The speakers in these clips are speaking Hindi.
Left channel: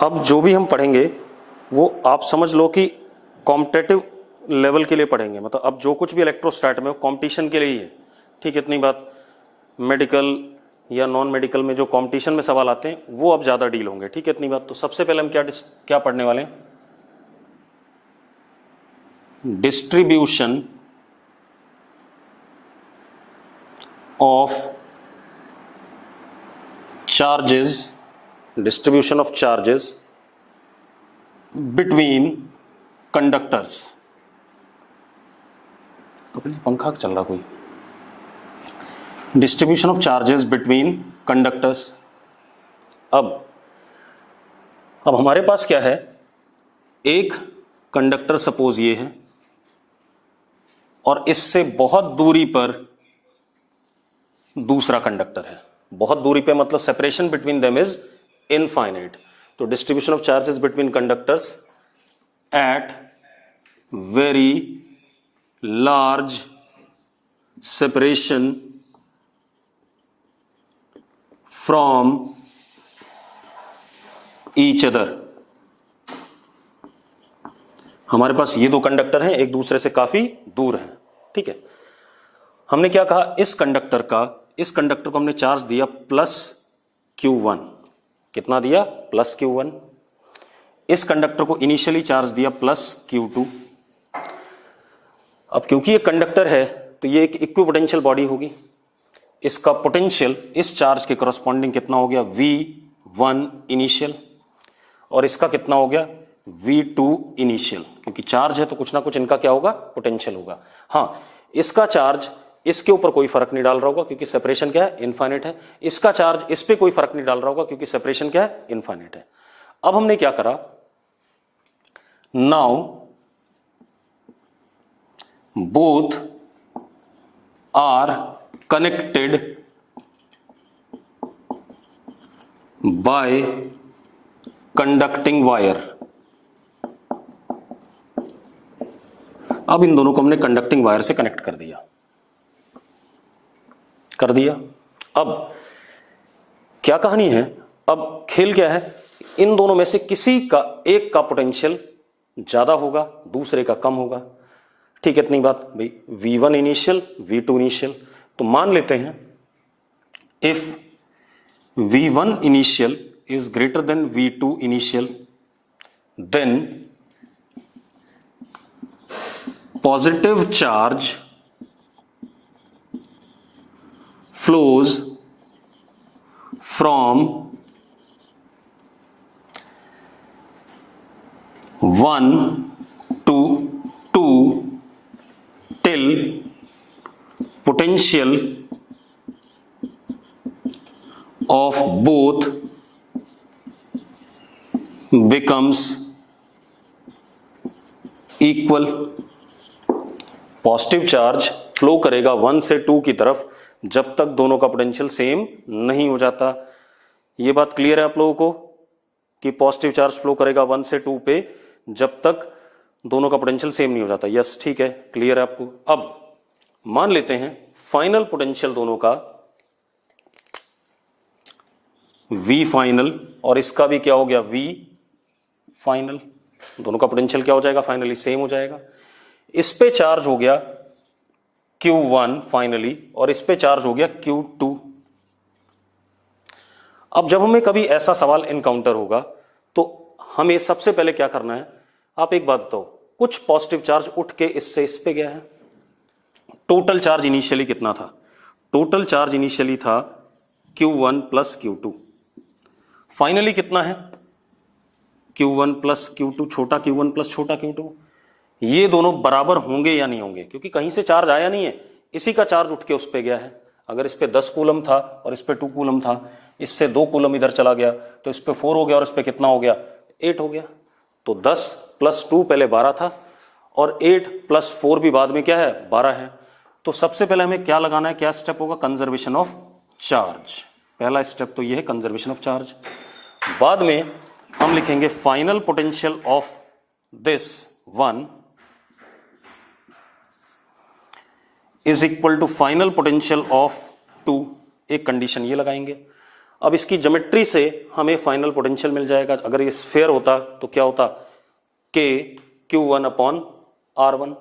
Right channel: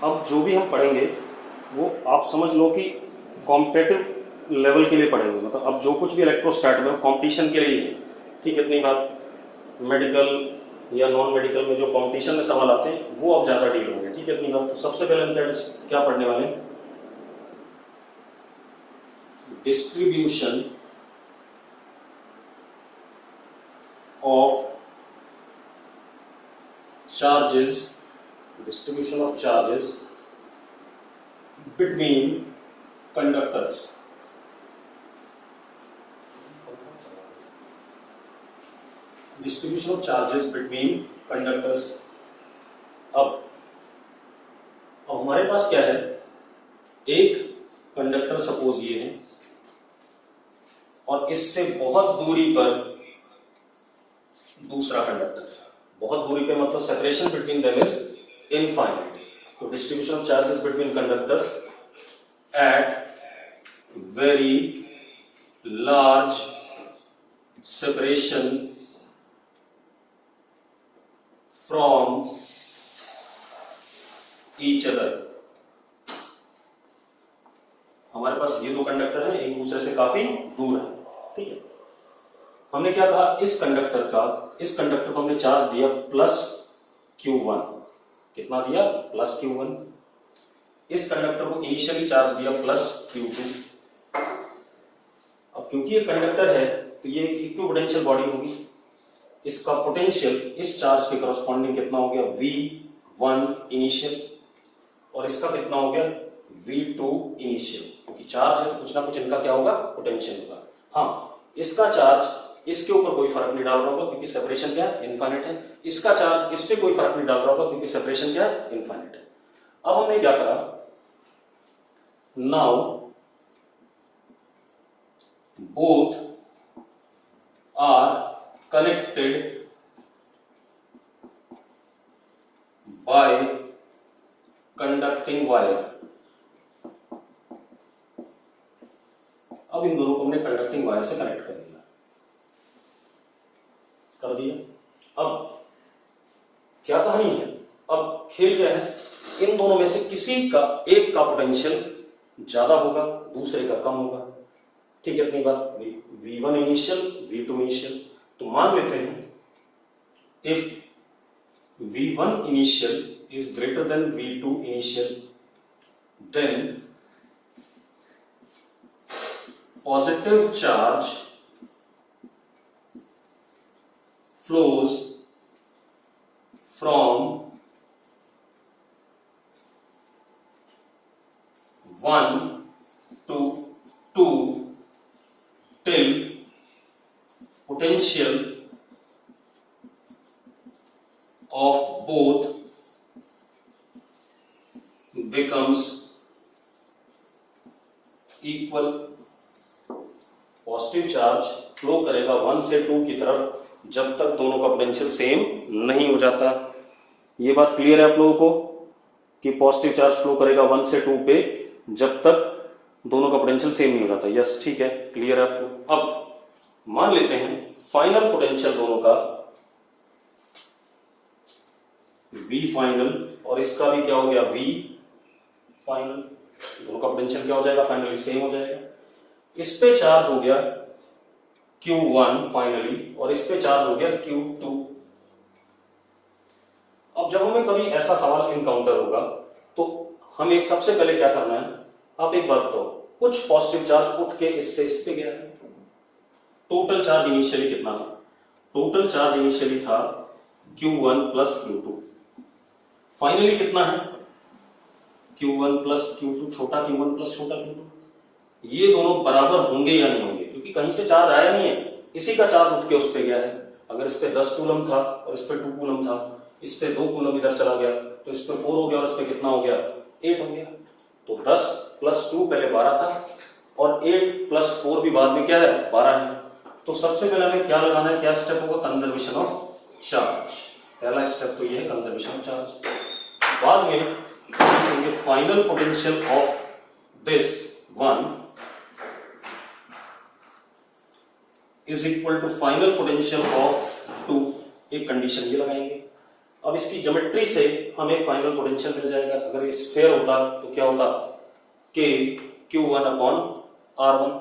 अब जो भी हम पढ़ेंगे वो आप समझ लो कि कॉम्पिटेटिव लेवल के लिए पढ़ेंगे, मतलब अब जो कुछ भी इलेक्ट्रोस्टैट में कॉम्पिटिशन के लिए ही है, ठीक है। इतनी बात। मेडिकल या नॉन मेडिकल में जो कॉम्पिटिशन में सवाल आते हैं वो अब ज़्यादा डील होंगे, ठीक है। इतनी बात। तो सबसे पहले हम क्या पढ़ने वाले हैं? Distribution of charges, distribution of charges between conductors. तो पंखा चल रहा कोई? Distribution of charges between conductors. अब हमारे पास क्या है? एक कंडक्टर सपोज ये है और इससे बहुत दूरी पर दूसरा कंडक्टर है। बहुत दूरी पे मतलब separation between them is infinite. तो distribution of charges between conductors at very large separation from each other. हमारे पास ये दो कंडक्टर हैं, एक दूसरे से काफी दूर हैं, ठीक है। हमने क्या कहा? इस कंडक्टर को हमने चार्ज दिया प्लस Q1। कितना दिया? Plus Q1। इस कंडक्टर को इनिशियली चार्ज दिया प्लस Q2। अब क्योंकि ये कंडक्टर है तो ये एक इक्विपोटेंशियल बॉडी होगी। इसका पोटेंशियल इस चार्ज के करस्पॉन्डिंग कितना हो गया? V1 इनिशियल, और इसका कितना हो गया? V2 initial. क्योंकि चार्ज है तो कुछ ना कुछ इनका क्या होगा? पोटेंशियल होगा। हाँ, इसका चार्ज इसके ऊपर कोई फर्क नहीं डाल रहा होगा क्योंकि सेपरेशन क्या है? इनफाइनाइट है। इसका चार्ज इस पे कोई फर्क नहीं डाल रहा होगा क्योंकि सेपरेशन क्या है? इनफाइनाइट है। अब हमने क्या करा? Now both are connected by conducting wire. अब इन दोनों को हमने कंडक्टिंग वायर से कनेक्ट कर दिया। अब क्या कहानी है? अब खेल क्या है? इन दोनों में से किसी का एक का पोटेंशियल ज्यादा होगा, दूसरे का कम होगा, ठीक है। इतनी बात भाई। V1 initial, V2 initial. तो मान लेते हैं if V1 initial is greater than V2 initial, then positive charge flows from 1 to 2 till potential of both becomes equal। Positive charge flow करेगा 1 से 2 की तरफ जब तक दोनों का पोटेंशियल सेम नहीं हो जाता। ये बात क्लियर है आप लोगों को कि पॉजिटिव चार्ज फ्लो करेगा 1 से 2 पे जब तक दोनों का पोटेंशियल सेम नहीं हो जाता। यस, ठीक है, क्लियर है आपको। अब मान लेते हैं फाइनल पोटेंशियल दोनों का V फाइनल और इसका भी क्या हो गया? V final. दोनों का पोटेंशियल क्या हो जाएगा? फाइनली सेम हो जाएगा। इस पे चार्ज हो गया Q1 फाइनली और इस पे चार्ज हो गया Q2। अब जब हमें कभी ऐसा सवाल इनकाउंटर होगा तो हमें सबसे पहले क्या करना है? आप एक बात बताओ, कुछ पॉजिटिव चार्ज उठ के इससे इस पे गया है। टोटल चार्ज इनिशियली कितना था? टोटल चार्ज इनिशियली था Q1 प्लस Q2। फाइनली कितना है? Q1 प्लस Q2, छोटा Q1 प्लस छोटा Q2। ये दोनों बराबर होंगे या नहीं होंगे? क्योंकि कहीं से चार्ज आया नहीं है, इसी का चार्ज उठ के उस पे गया है। अगर इस पे 10 कूलम था और इस पे 2 कूलम था, इससे 2 कूलम इधर चला गया तो इस पे 4 हो गया और इस पे कितना हो गया? 8 हो गया। तो 10 प्लस 2 पहले 12 था और 8 प्लस 4 भी बाद में क्या है? 12 है। तो सबसे पहले हमें क्या लगाना है? क्या स्टेप होगा? Conservation of charge. पहला स्टेप तो ये है, कंजर्वेशन ऑफ चार्ज। बाद में हम लिखेंगे final potential of this one is equal to final potential of 2। एक कंडीशन ये लगाएंगे। अब इसकी ज्योमेट्री से हमें फाइनल पोटेंशियल मिल जाएगा। अगर ये स्फेयर होता तो क्या होता, के Q1 अपॉन R1,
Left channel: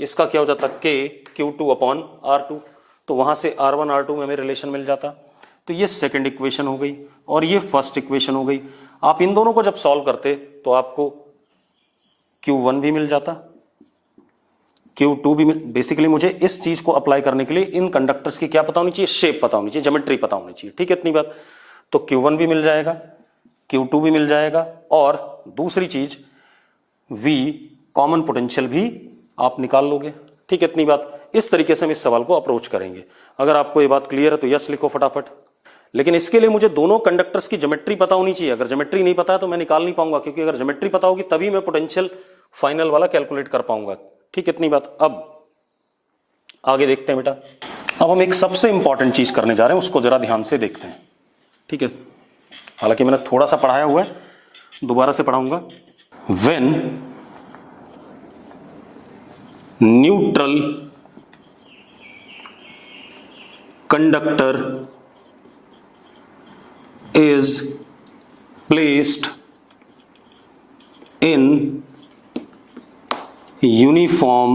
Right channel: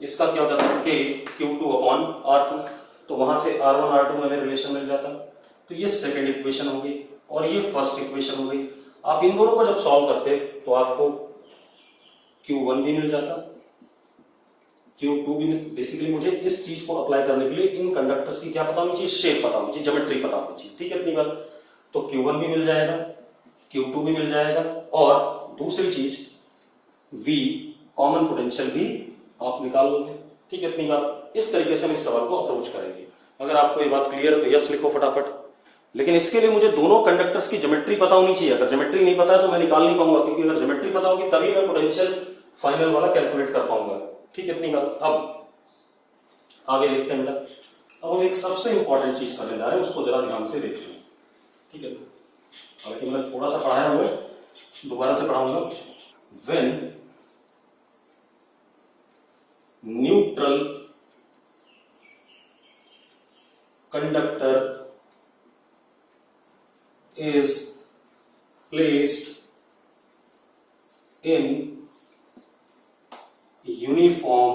इसका क्या हो जाता K Q2 अपॉन R2, तो वहां से R1 R2 में हमें रिलेशन मिल जाता। तो ये सेकंड इक्वेशन हो गई और ये फर्स्ट इक्वेशन हो गई। आप इन दोनों को जब सॉल्व करते तो आपको Q1 भी मिल जाता, Q2 भी मिल। बेसिकली मुझे इस चीज को अप्लाई करने के लिए इन कंडक्टर्स की क्या पता होनी चाहिए, शेप पता होनी चाहिए, ज्योमेट्री पता होनी चाहिए, ठीक है, इतनी बात। तो Q1 भी मिल जाएगा, Q2 भी मिल जाएगा, और दूसरी चीज V कॉमन पोटेंशियल भी आप निकाल लोगे, ठीक है, इतनी बात। इस तरीके से हम इस सवाल को अप्रोच करेंगे। अगर आपको ये बात क्लियर है तो यस लिखो फटाफट। लेकिन इसके लिए मुझे दोनों कंडक्टर्स की ज्योमेट्री पता होनी चाहिए। अगर ज्योमेट्री नहीं पता है तो मैं निकाल नहीं पाऊंगा, क्योंकि अगर ज्योमेट्री पता होगी तभी मैं पोटेंशियल फाइनल वाला कैलकुलेट कर पाऊंगा, ठीक है, इतनी बात। अब आगे देखते हैं बेटा। अब हम एक सबसे इंपॉर्टेंट चीज करने जा रहे हैं, उसको जरा ध्यान से देखते हैं, ठीक है। हालांकि मैंने थोड़ा सा पढ़ाया हुआ है, दोबारा से पढ़ाऊंगा। When neutral conductor is placed in uniform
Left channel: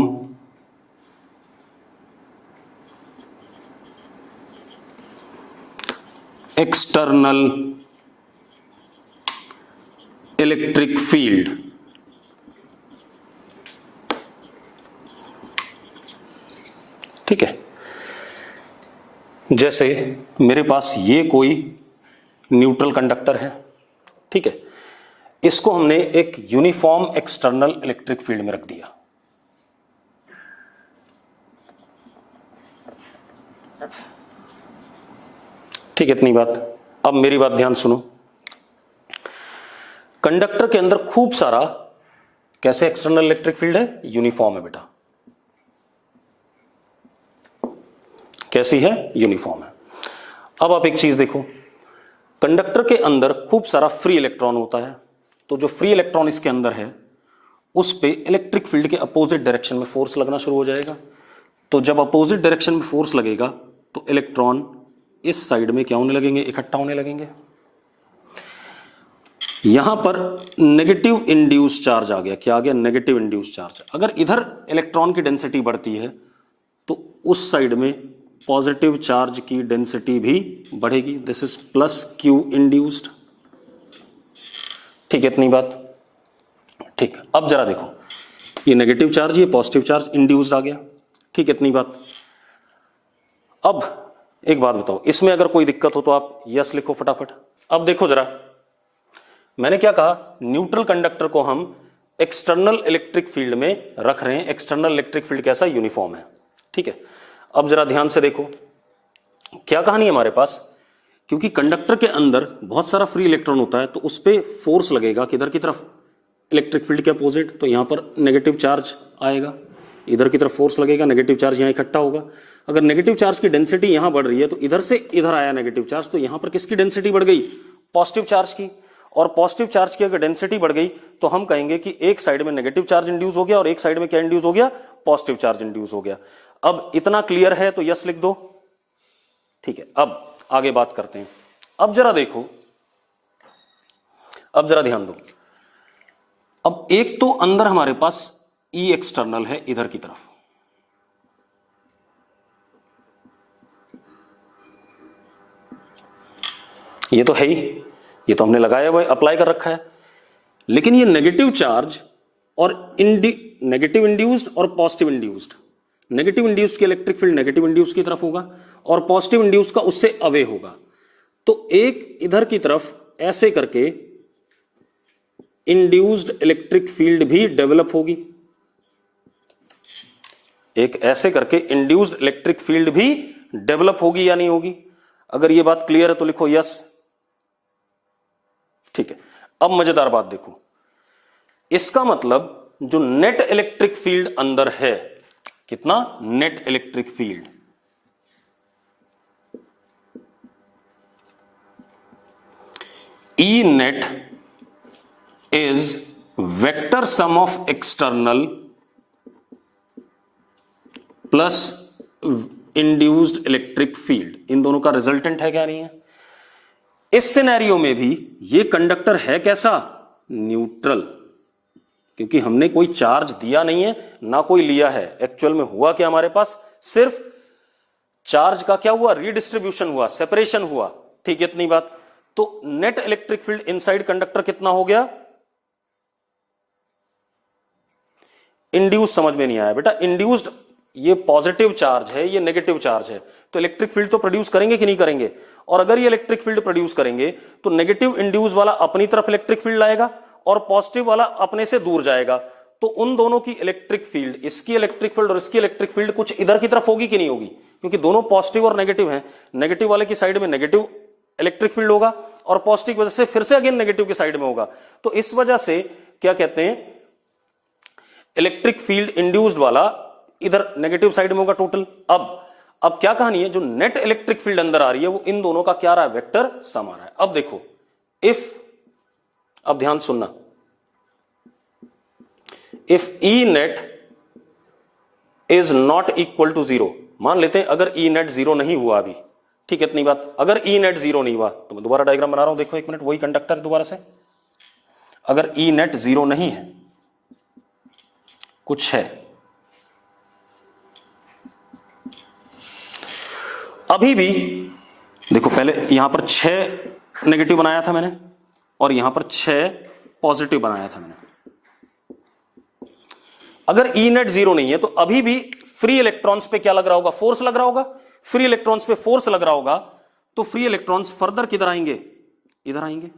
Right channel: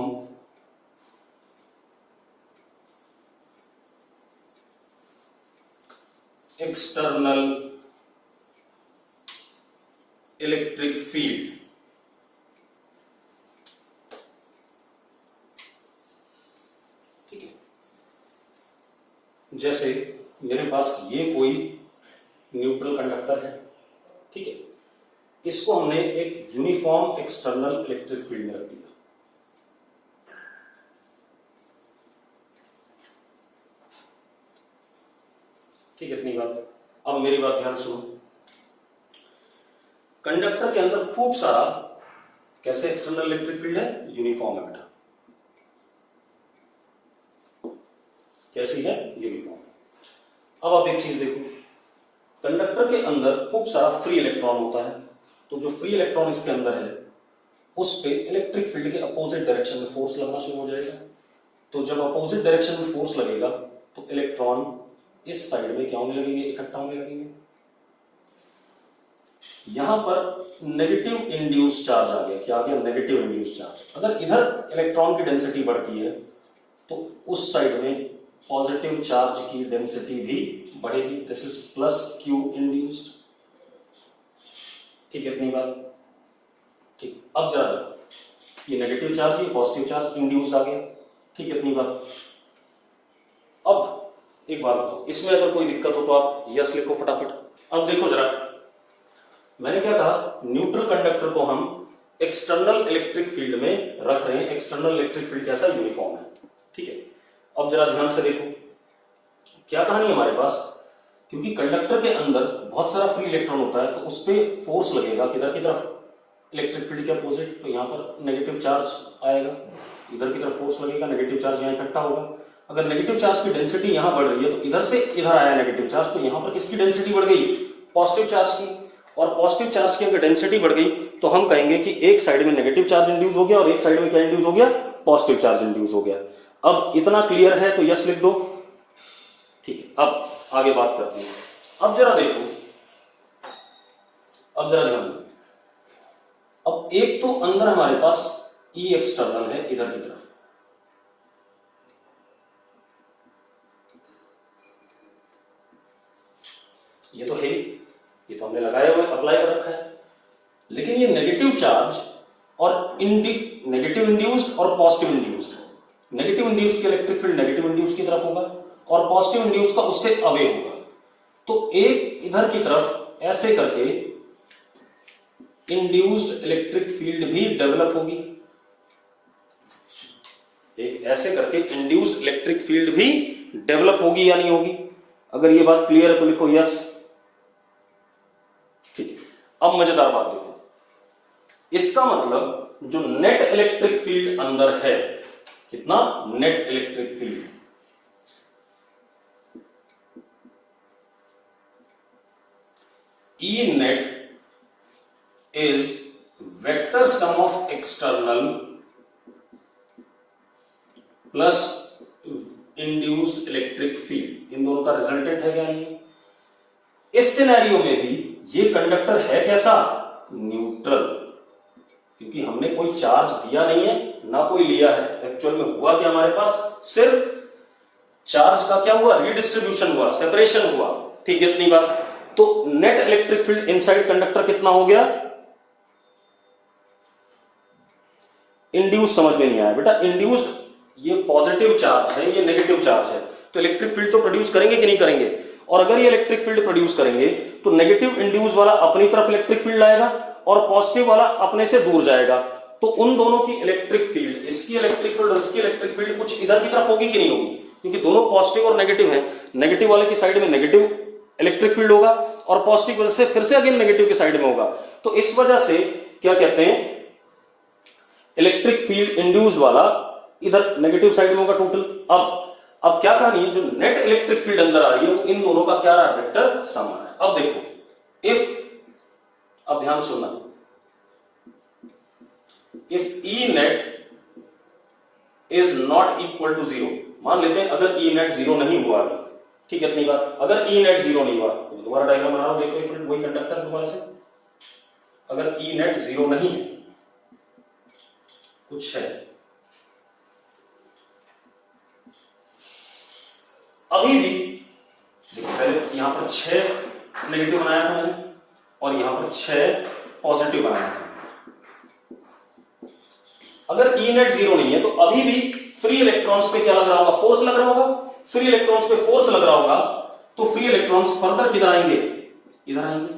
external electric field, ठीक है। जैसे मेरे पास ये कोई न्यूट्रल कंडक्टर है, ठीक है, इसको हमने एक यूनिफॉर्म एक्सटर्नल इलेक्ट्रिक फील्ड में रख दिया। ठीक है, इतनी बात। अब मेरी बात ध्यान सुनो। कंडक्टर के अंदर खूब सारा कैसे एक्सटर्नल इलेक्ट्रिक फील्ड है, यूनिफॉर्म है बेटा। कैसी है, यूनिफॉर्म है। अब आप एक चीज देखो, कंडक्टर के अंदर खूब सारा फ्री इलेक्ट्रॉन होता है, तो जो फ्री इलेक्ट्रॉन इसके अंदर है उस पे इलेक्ट्रिक फील्ड के अपोजिट डायरेक्शन में फोर्स लगना शुरू हो जाएगा। तो जब अपोजिट डायरेक्शन में फोर्स लगेगा तो इलेक्ट्रॉन इस साइड में क्या होने लगेंगे, इकट्ठा होने लगेंगे। यहां पर नेगेटिव इंड्यूस चार्ज आ गया। क्या आ गया, नेगेटिव इंड्यूस चार्ज। अगर इधर इलेक्ट्रॉन की डेंसिटी बढ़ती है तो उस साइड में पॉजिटिव चार्ज की डेंसिटी भी बढ़ेगी। This is plus Q induced, ठीक है, इतनी बात। ठीक, अब जरा देखो, ये नेगेटिव चार्ज, ये पॉजिटिव चार्ज इंड्यूस्ड आ गया, ठीक है, इतनी बात। अब एक बात बताओ, इसमें अगर कोई दिक्कत हो तो आप यस लिखो फटाफट। अब देखो जरा, मैंने क्या कहा, न्यूट्रल कंडक्टर को हम एक्सटर्नल इलेक्ट्रिक फील्ड में रख रहे हैं। एक्सटर्नल इलेक्ट्रिक फील्ड कैसा, यूनिफॉर्म है, ठीक है। अब जरा ध्यान से देखो क्या कहानी है हमारे पास। क्योंकि कंडक्टर के अंदर बहुत सारा फ्री इलेक्ट्रॉन होता है तो उस पर फोर्स लगेगा किधर की तरफ, इलेक्ट्रिक फील्ड के अपोजिट। तो यहां पर नेगेटिव चार्ज आएगा, इधर की तरफ फोर्स लगेगा, नेगेटिव चार्ज यहां इकट्ठा होगा। अगर नेगेटिव चार्ज की डेंसिटी यहां बढ़ रही है तो इधर से इधर आया नेगेटिव चार्ज, तो यहां पर किसकी डेंसिटी बढ़ गई, पॉजिटिव चार्ज की। और पॉजिटिव चार्ज की अगर डेंसिटी बढ़ गई तो हम कहेंगे कि एक साइड में नेगेटिव चार्ज इंड्यूस हो गया और एक साइड में क्या इंड्यूस हो गया, पॉजिटिव चार्ज इंड्यूस हो गया। अब इतना क्लियर है तो यस लिख दो, ठीक है। अब आगे बात करते हैं। अब जरा देखो, अब जरा ध्यान दो। अब एक तो अंदर हमारे पास ई एक्सटर्नल है इधर की तरफ, ये तो है ही, ये तो हमने लगाया हुआ है, अप्लाई कर रखा है। लेकिन ये नेगेटिव चार्ज और नेगेटिव इंड्यूस्ड और पॉजिटिव इंड्यूस्ड, नेगेटिव इंड्यूस्ड की इलेक्ट्रिक फील्ड नेगेटिव इंड्यूस्ड की तरफ होगा और पॉजिटिव इंड्यूस्ड का उससे अवे होगा। तो एक इधर की तरफ ऐसे करके इंड्यूस्ड इलेक्ट्रिक फील्ड भी डेवलप होगी, एक ऐसे करके इंड्यूस्ड इलेक्ट्रिक फील्ड भी डेवलप होगी या नहीं होगी। अगर ये बात क्लियर है तो लिखो यस, ठीक है। अब मजेदार बात देखो, इसका मतलब जो नेट इलेक्ट्रिक फील्ड अंदर है, कितना, net electric field, E net is vector sum of external plus induced electric field। इन दोनों का रिजल्टेंट है क्या, नहीं है। इस सिनेरियो में भी ये कंडक्टर है कैसा, न्यूट्रल, क्योंकि हमने कोई चार्ज दिया नहीं है ना कोई लिया है। एक्चुअल में हुआ क्या, हमारे पास सिर्फ चार्ज का क्या हुआ, रीडिस्ट्रीब्यूशन हुआ, सेपरेशन हुआ, ठीक है, इतनी बात। तो net electric field inside conductor कितना हो गया, इंड्यूस समझ में नहीं आया बेटा, इंड्यूस्ड ये पॉजिटिव चार्ज है, ये नेगेटिव चार्ज है, तो इलेक्ट्रिक फील्ड तो प्रोड्यूस करेंगे कि नहीं करेंगे, और अगर ये इलेक्ट्रिक फील्ड प्रोड्यूस करेंगे तो नेगेटिव इंड्यूस वाला अपनी तरफ इलेक्ट्रिक फील्ड लाएगा और पॉजिटिव वाला अपने से दूर जाएगा, तो उन दोनों की इलेक्ट्रिक फील्ड, इसकी इलेक्ट्रिक फील्ड और इसकी इलेक्ट्रिक फील्ड कुछ इधर की तरफ होगी कि नहीं होगी, क्योंकि दोनों पॉजिटिव और नेगेटिव है, नेगेटिव वाले की साइड में नेगेटिव इलेक्ट्रिक फील्ड होगा और पॉजिटिव वजह से फिर से अगेन नेगेटिव की साइड में होगा, तो इस वजह से क्या कहते हैं, इलेक्ट्रिक फील्ड इंड्यूस्ड वाला इधर नेगेटिव साइड में होगा टोटल। अब क्या कहानी है, जो नेट इलेक्ट्रिक फील्ड अंदर आ रही है वो इन दोनों का क्या रहा है, वेक्टर सम आ रहा है। अब देखो इफ, अब ध्यान सुनना, if E net is not equal to zero, मान लेते हैं अगर ई नेट जीरो नहीं हुआ अभी, ठीक है, इतनी बात, अगर ई नेट जीरो नहीं हुआ तो मैं दोबारा डायग्राम बना रहा हूं, देखो एक मिनट, वही कंडक्टर दोबारा से, अगर ई नेट जीरो नहीं है, कुछ है, अभी भी देखो, पहले यहां पर 6 नेगेटिव बनाया था मैंने और यहां पर 6 पॉजिटिव बनाया था मैंने। अगर ई नेट जीरो नहीं है तो अभी भी फ्री इलेक्ट्रॉन्स पे क्या लग रहा होगा, फोर्स लग रहा होगा, फ्री इलेक्ट्रॉन्स पे फोर्स लग रहा होगा, तो फ्री इलेक्ट्रॉन्स फर्दर किधर आएंगे, इधर आएंगे,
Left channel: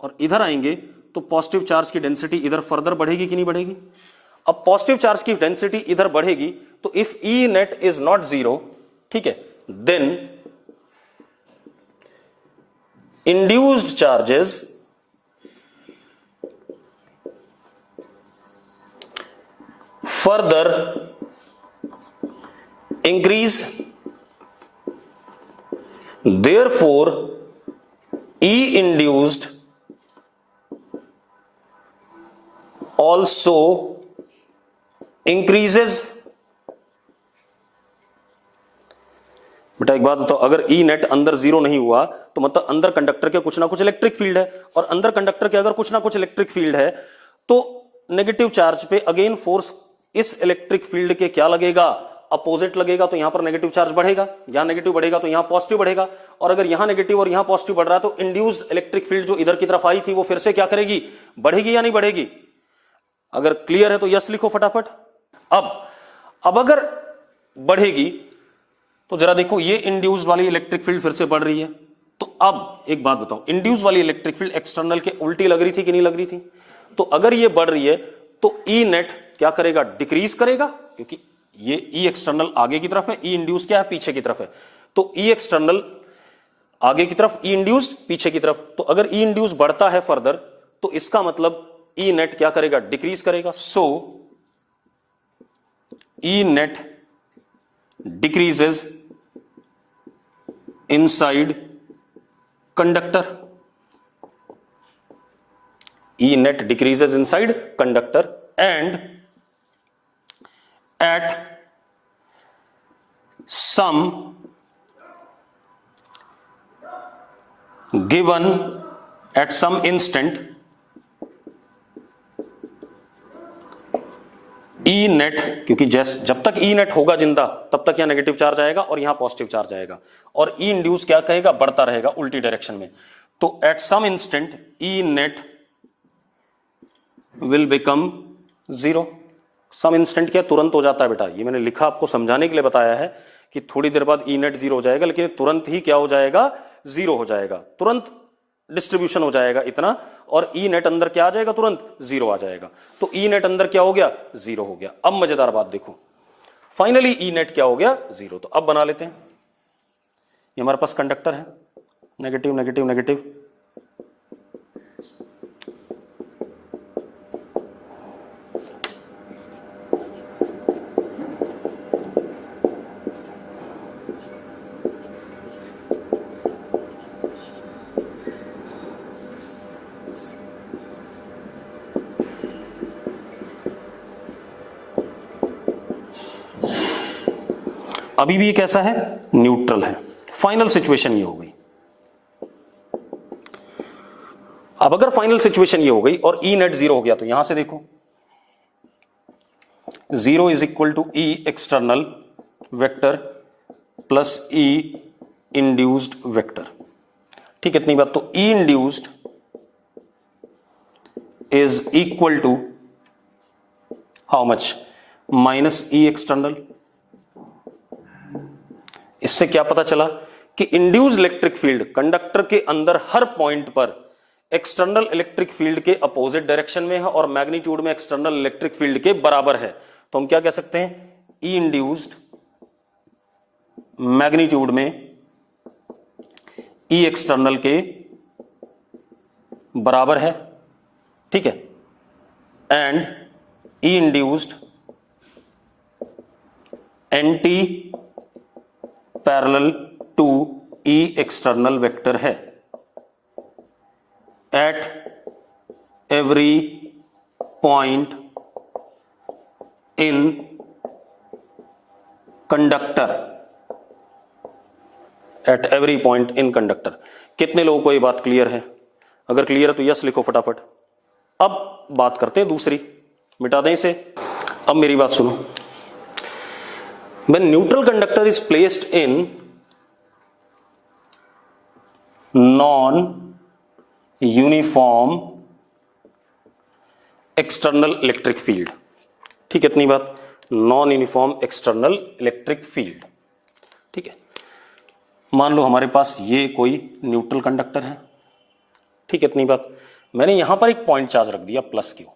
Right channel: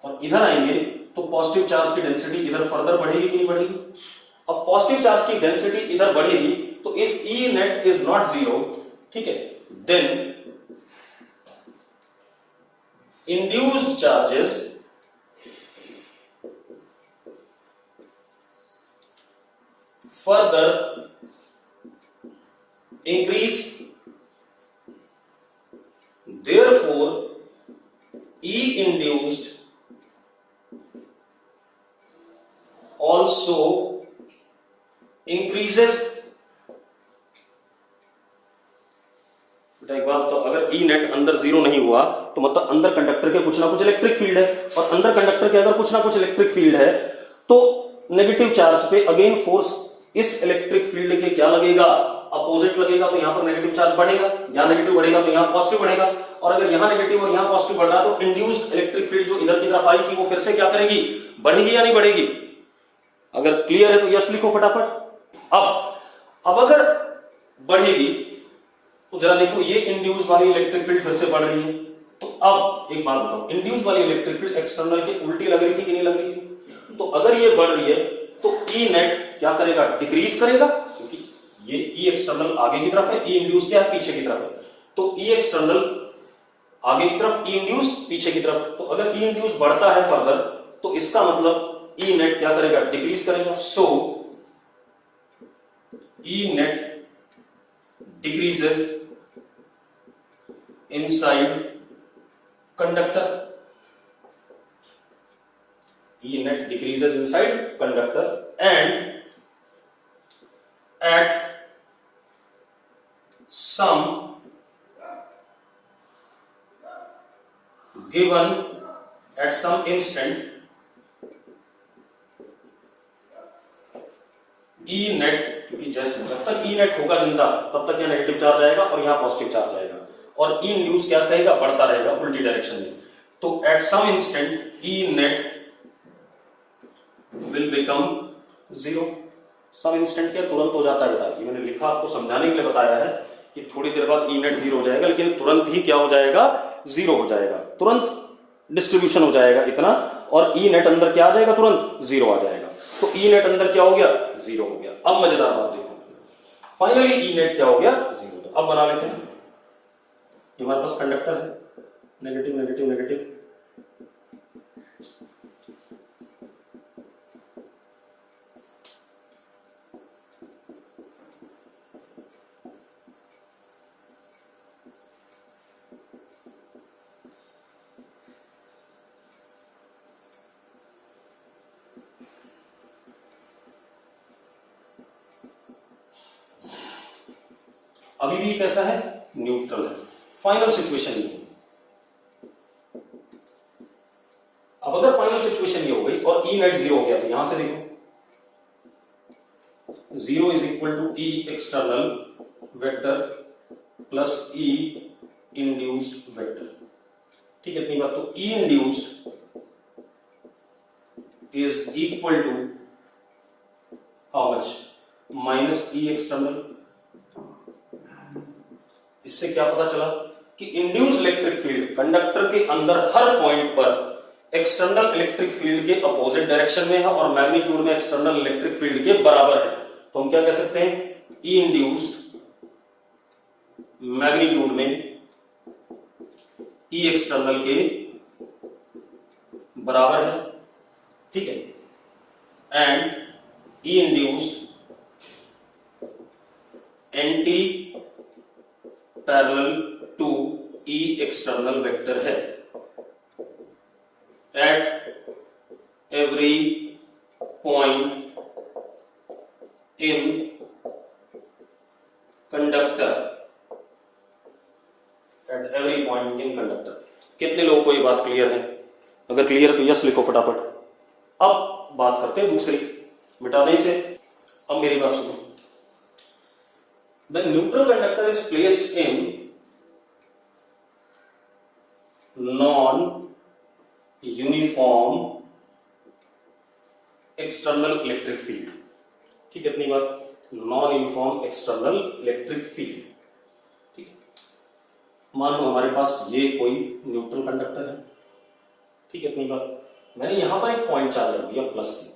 और इधर आएंगे तो पॉजिटिव चार्ज की डेंसिटी इधर फर्दर बढ़ेगी कि नहीं बढ़ेगी। अब पॉजिटिव चार्ज की डेंसिटी इधर बढ़ेगी, तो if E net is not zero, ठीक है, then induced charges further increase, therefore E induced also increases। बेटा एक बात बताओ, अगर ई नेट अंदर जीरो नहीं हुआ तो मतलब अंदर कंडक्टर के कुछ ना कुछ इलेक्ट्रिक फील्ड है, और अंदर कंडक्टर के अगर कुछ ना कुछ इलेक्ट्रिक फील्ड है तो नेगेटिव चार्ज पे अगेन फोर्स इस इलेक्ट्रिक फील्ड के क्या लगेगा, अपोजिट लगेगा, तो यहां पर नेगेटिव चार्ज बढ़ेगा, यहां नेगेटिव बढ़ेगा तो यहां पॉजिटिव बढ़ेगा, और अगर यहां नेगेटिव और यहां पॉजिटिव बढ़ रहा है तो इंड्यूस्ड इलेक्ट्रिक फील्ड जो इधर की तरफ आई थी वो फिर से क्या करेगी, बढ़ेगी या नहीं बढ़ेगी। अगर क्लियर है तो यस लिखो फटाफट। अब अगर बढ़ेगी तो जरा देखो, ये इंड्यूस वाली इलेक्ट्रिक फील्ड फिर से बढ़ रही है, तो अब एक बात बताओ, इंड्यूस वाली इलेक्ट्रिक फील्ड एक्सटर्नल के उल्टी लग रही थी कि नहीं लग रही थी, तो अगर ये बढ़ रही है तो ई नेट क्या करेगा, डिक्रीज करेगा, क्योंकि ये ई एक्सटर्नल आगे की तरफ है, ई इंड्यूस क्या है, पीछे की तरफ है, तो ई एक्सटर्नल आगे की तरफ, ई इंड्यूस पीछे की तरफ, तो अगर ई इंड्यूस बढ़ता है फर्दर तो इसका मतलब ई नेट क्या करेगा, डिक्रीज करेगा। सो E net decreases inside conductor, E net decreases inside conductor and at some given, at some instant E net, क्योंकि जब तक ई नेट होगा जिंदा तब तक यहां नेगेटिव चार्ज आएगा और यहां पॉजिटिव चार्ज आएगा, और ई इंड्यूस क्या कहेगा, बढ़ता रहेगा उल्टी डायरेक्शन में, तो at some instant E net will become zero. Some instant क्या, तुरंत हो जाता है बेटा, ये मैंने लिखा आपको समझाने के लिए बताया है कि थोड़ी देर बाद ई नेट जीरो हो जाएगा, लेकिन तुरंत ही क्या हो जाएगा, जीरो हो जाएगा, तुरंत डिस्ट्रीब्यूशन हो जाएगा इतना, और ई नेट अंदर क्या आ जाएगा, तुरंत जीरो आ जाएगा, तो ई नेट अंदर क्या हो गया, जीरो हो गया। अब मजेदार बात देखो, फाइनली ई नेट क्या हो गया, जीरो। तो अब बना लेते हैं, ये हमारे पास कंडक्टर है, नेगेटिव नेगेटिव नेगेटिव, अभी भी कैसा है, न्यूट्रल है। फाइनल सिचुएशन ये हो गई, अब अगर फाइनल सिचुएशन ये हो गई और ई नेट 0 हो गया, तो यहां से देखो 0 is equal to E external vector plus E induced vector. ठीक है, इतनी बात। तो E induced is equal to how much, minus E external. इससे क्या पता चला कि इंड्यूस्ड इलेक्ट्रिक फील्ड कंडक्टर के अंदर हर पॉइंट पर एक्सटर्नल इलेक्ट्रिक फील्ड के अपोजिट डायरेक्शन में है और मैग्नीट्यूड में एक्सटर्नल इलेक्ट्रिक फील्ड के बराबर है। तो हम क्या कह सकते हैं, ई इंड्यूस्ड मैग्नीट्यूड में ई एक्सटर्नल के बराबर है। ठीक है, and E induced anti parallel to E external vector है at every point in conductor, at every point in conductor. कितने लोगों को ये बात क्लियर है? अगर क्लियर है तो यस लिखो फटाफट। अब बात करते हैं दूसरी, मिटा दें इसे। अब मेरी बात सुनो, when neutral conductor is placed in non uniform external electric field, ठीक है इतनी बात, non uniform external electric field. ठीक है, मान लो हमारे पास ये कोई न्यूट्रल कंडक्टर है। ठीक है इतनी बात। मैंने यहां पर एक पॉइंट चार्ज रख दिया प्लस क्यू।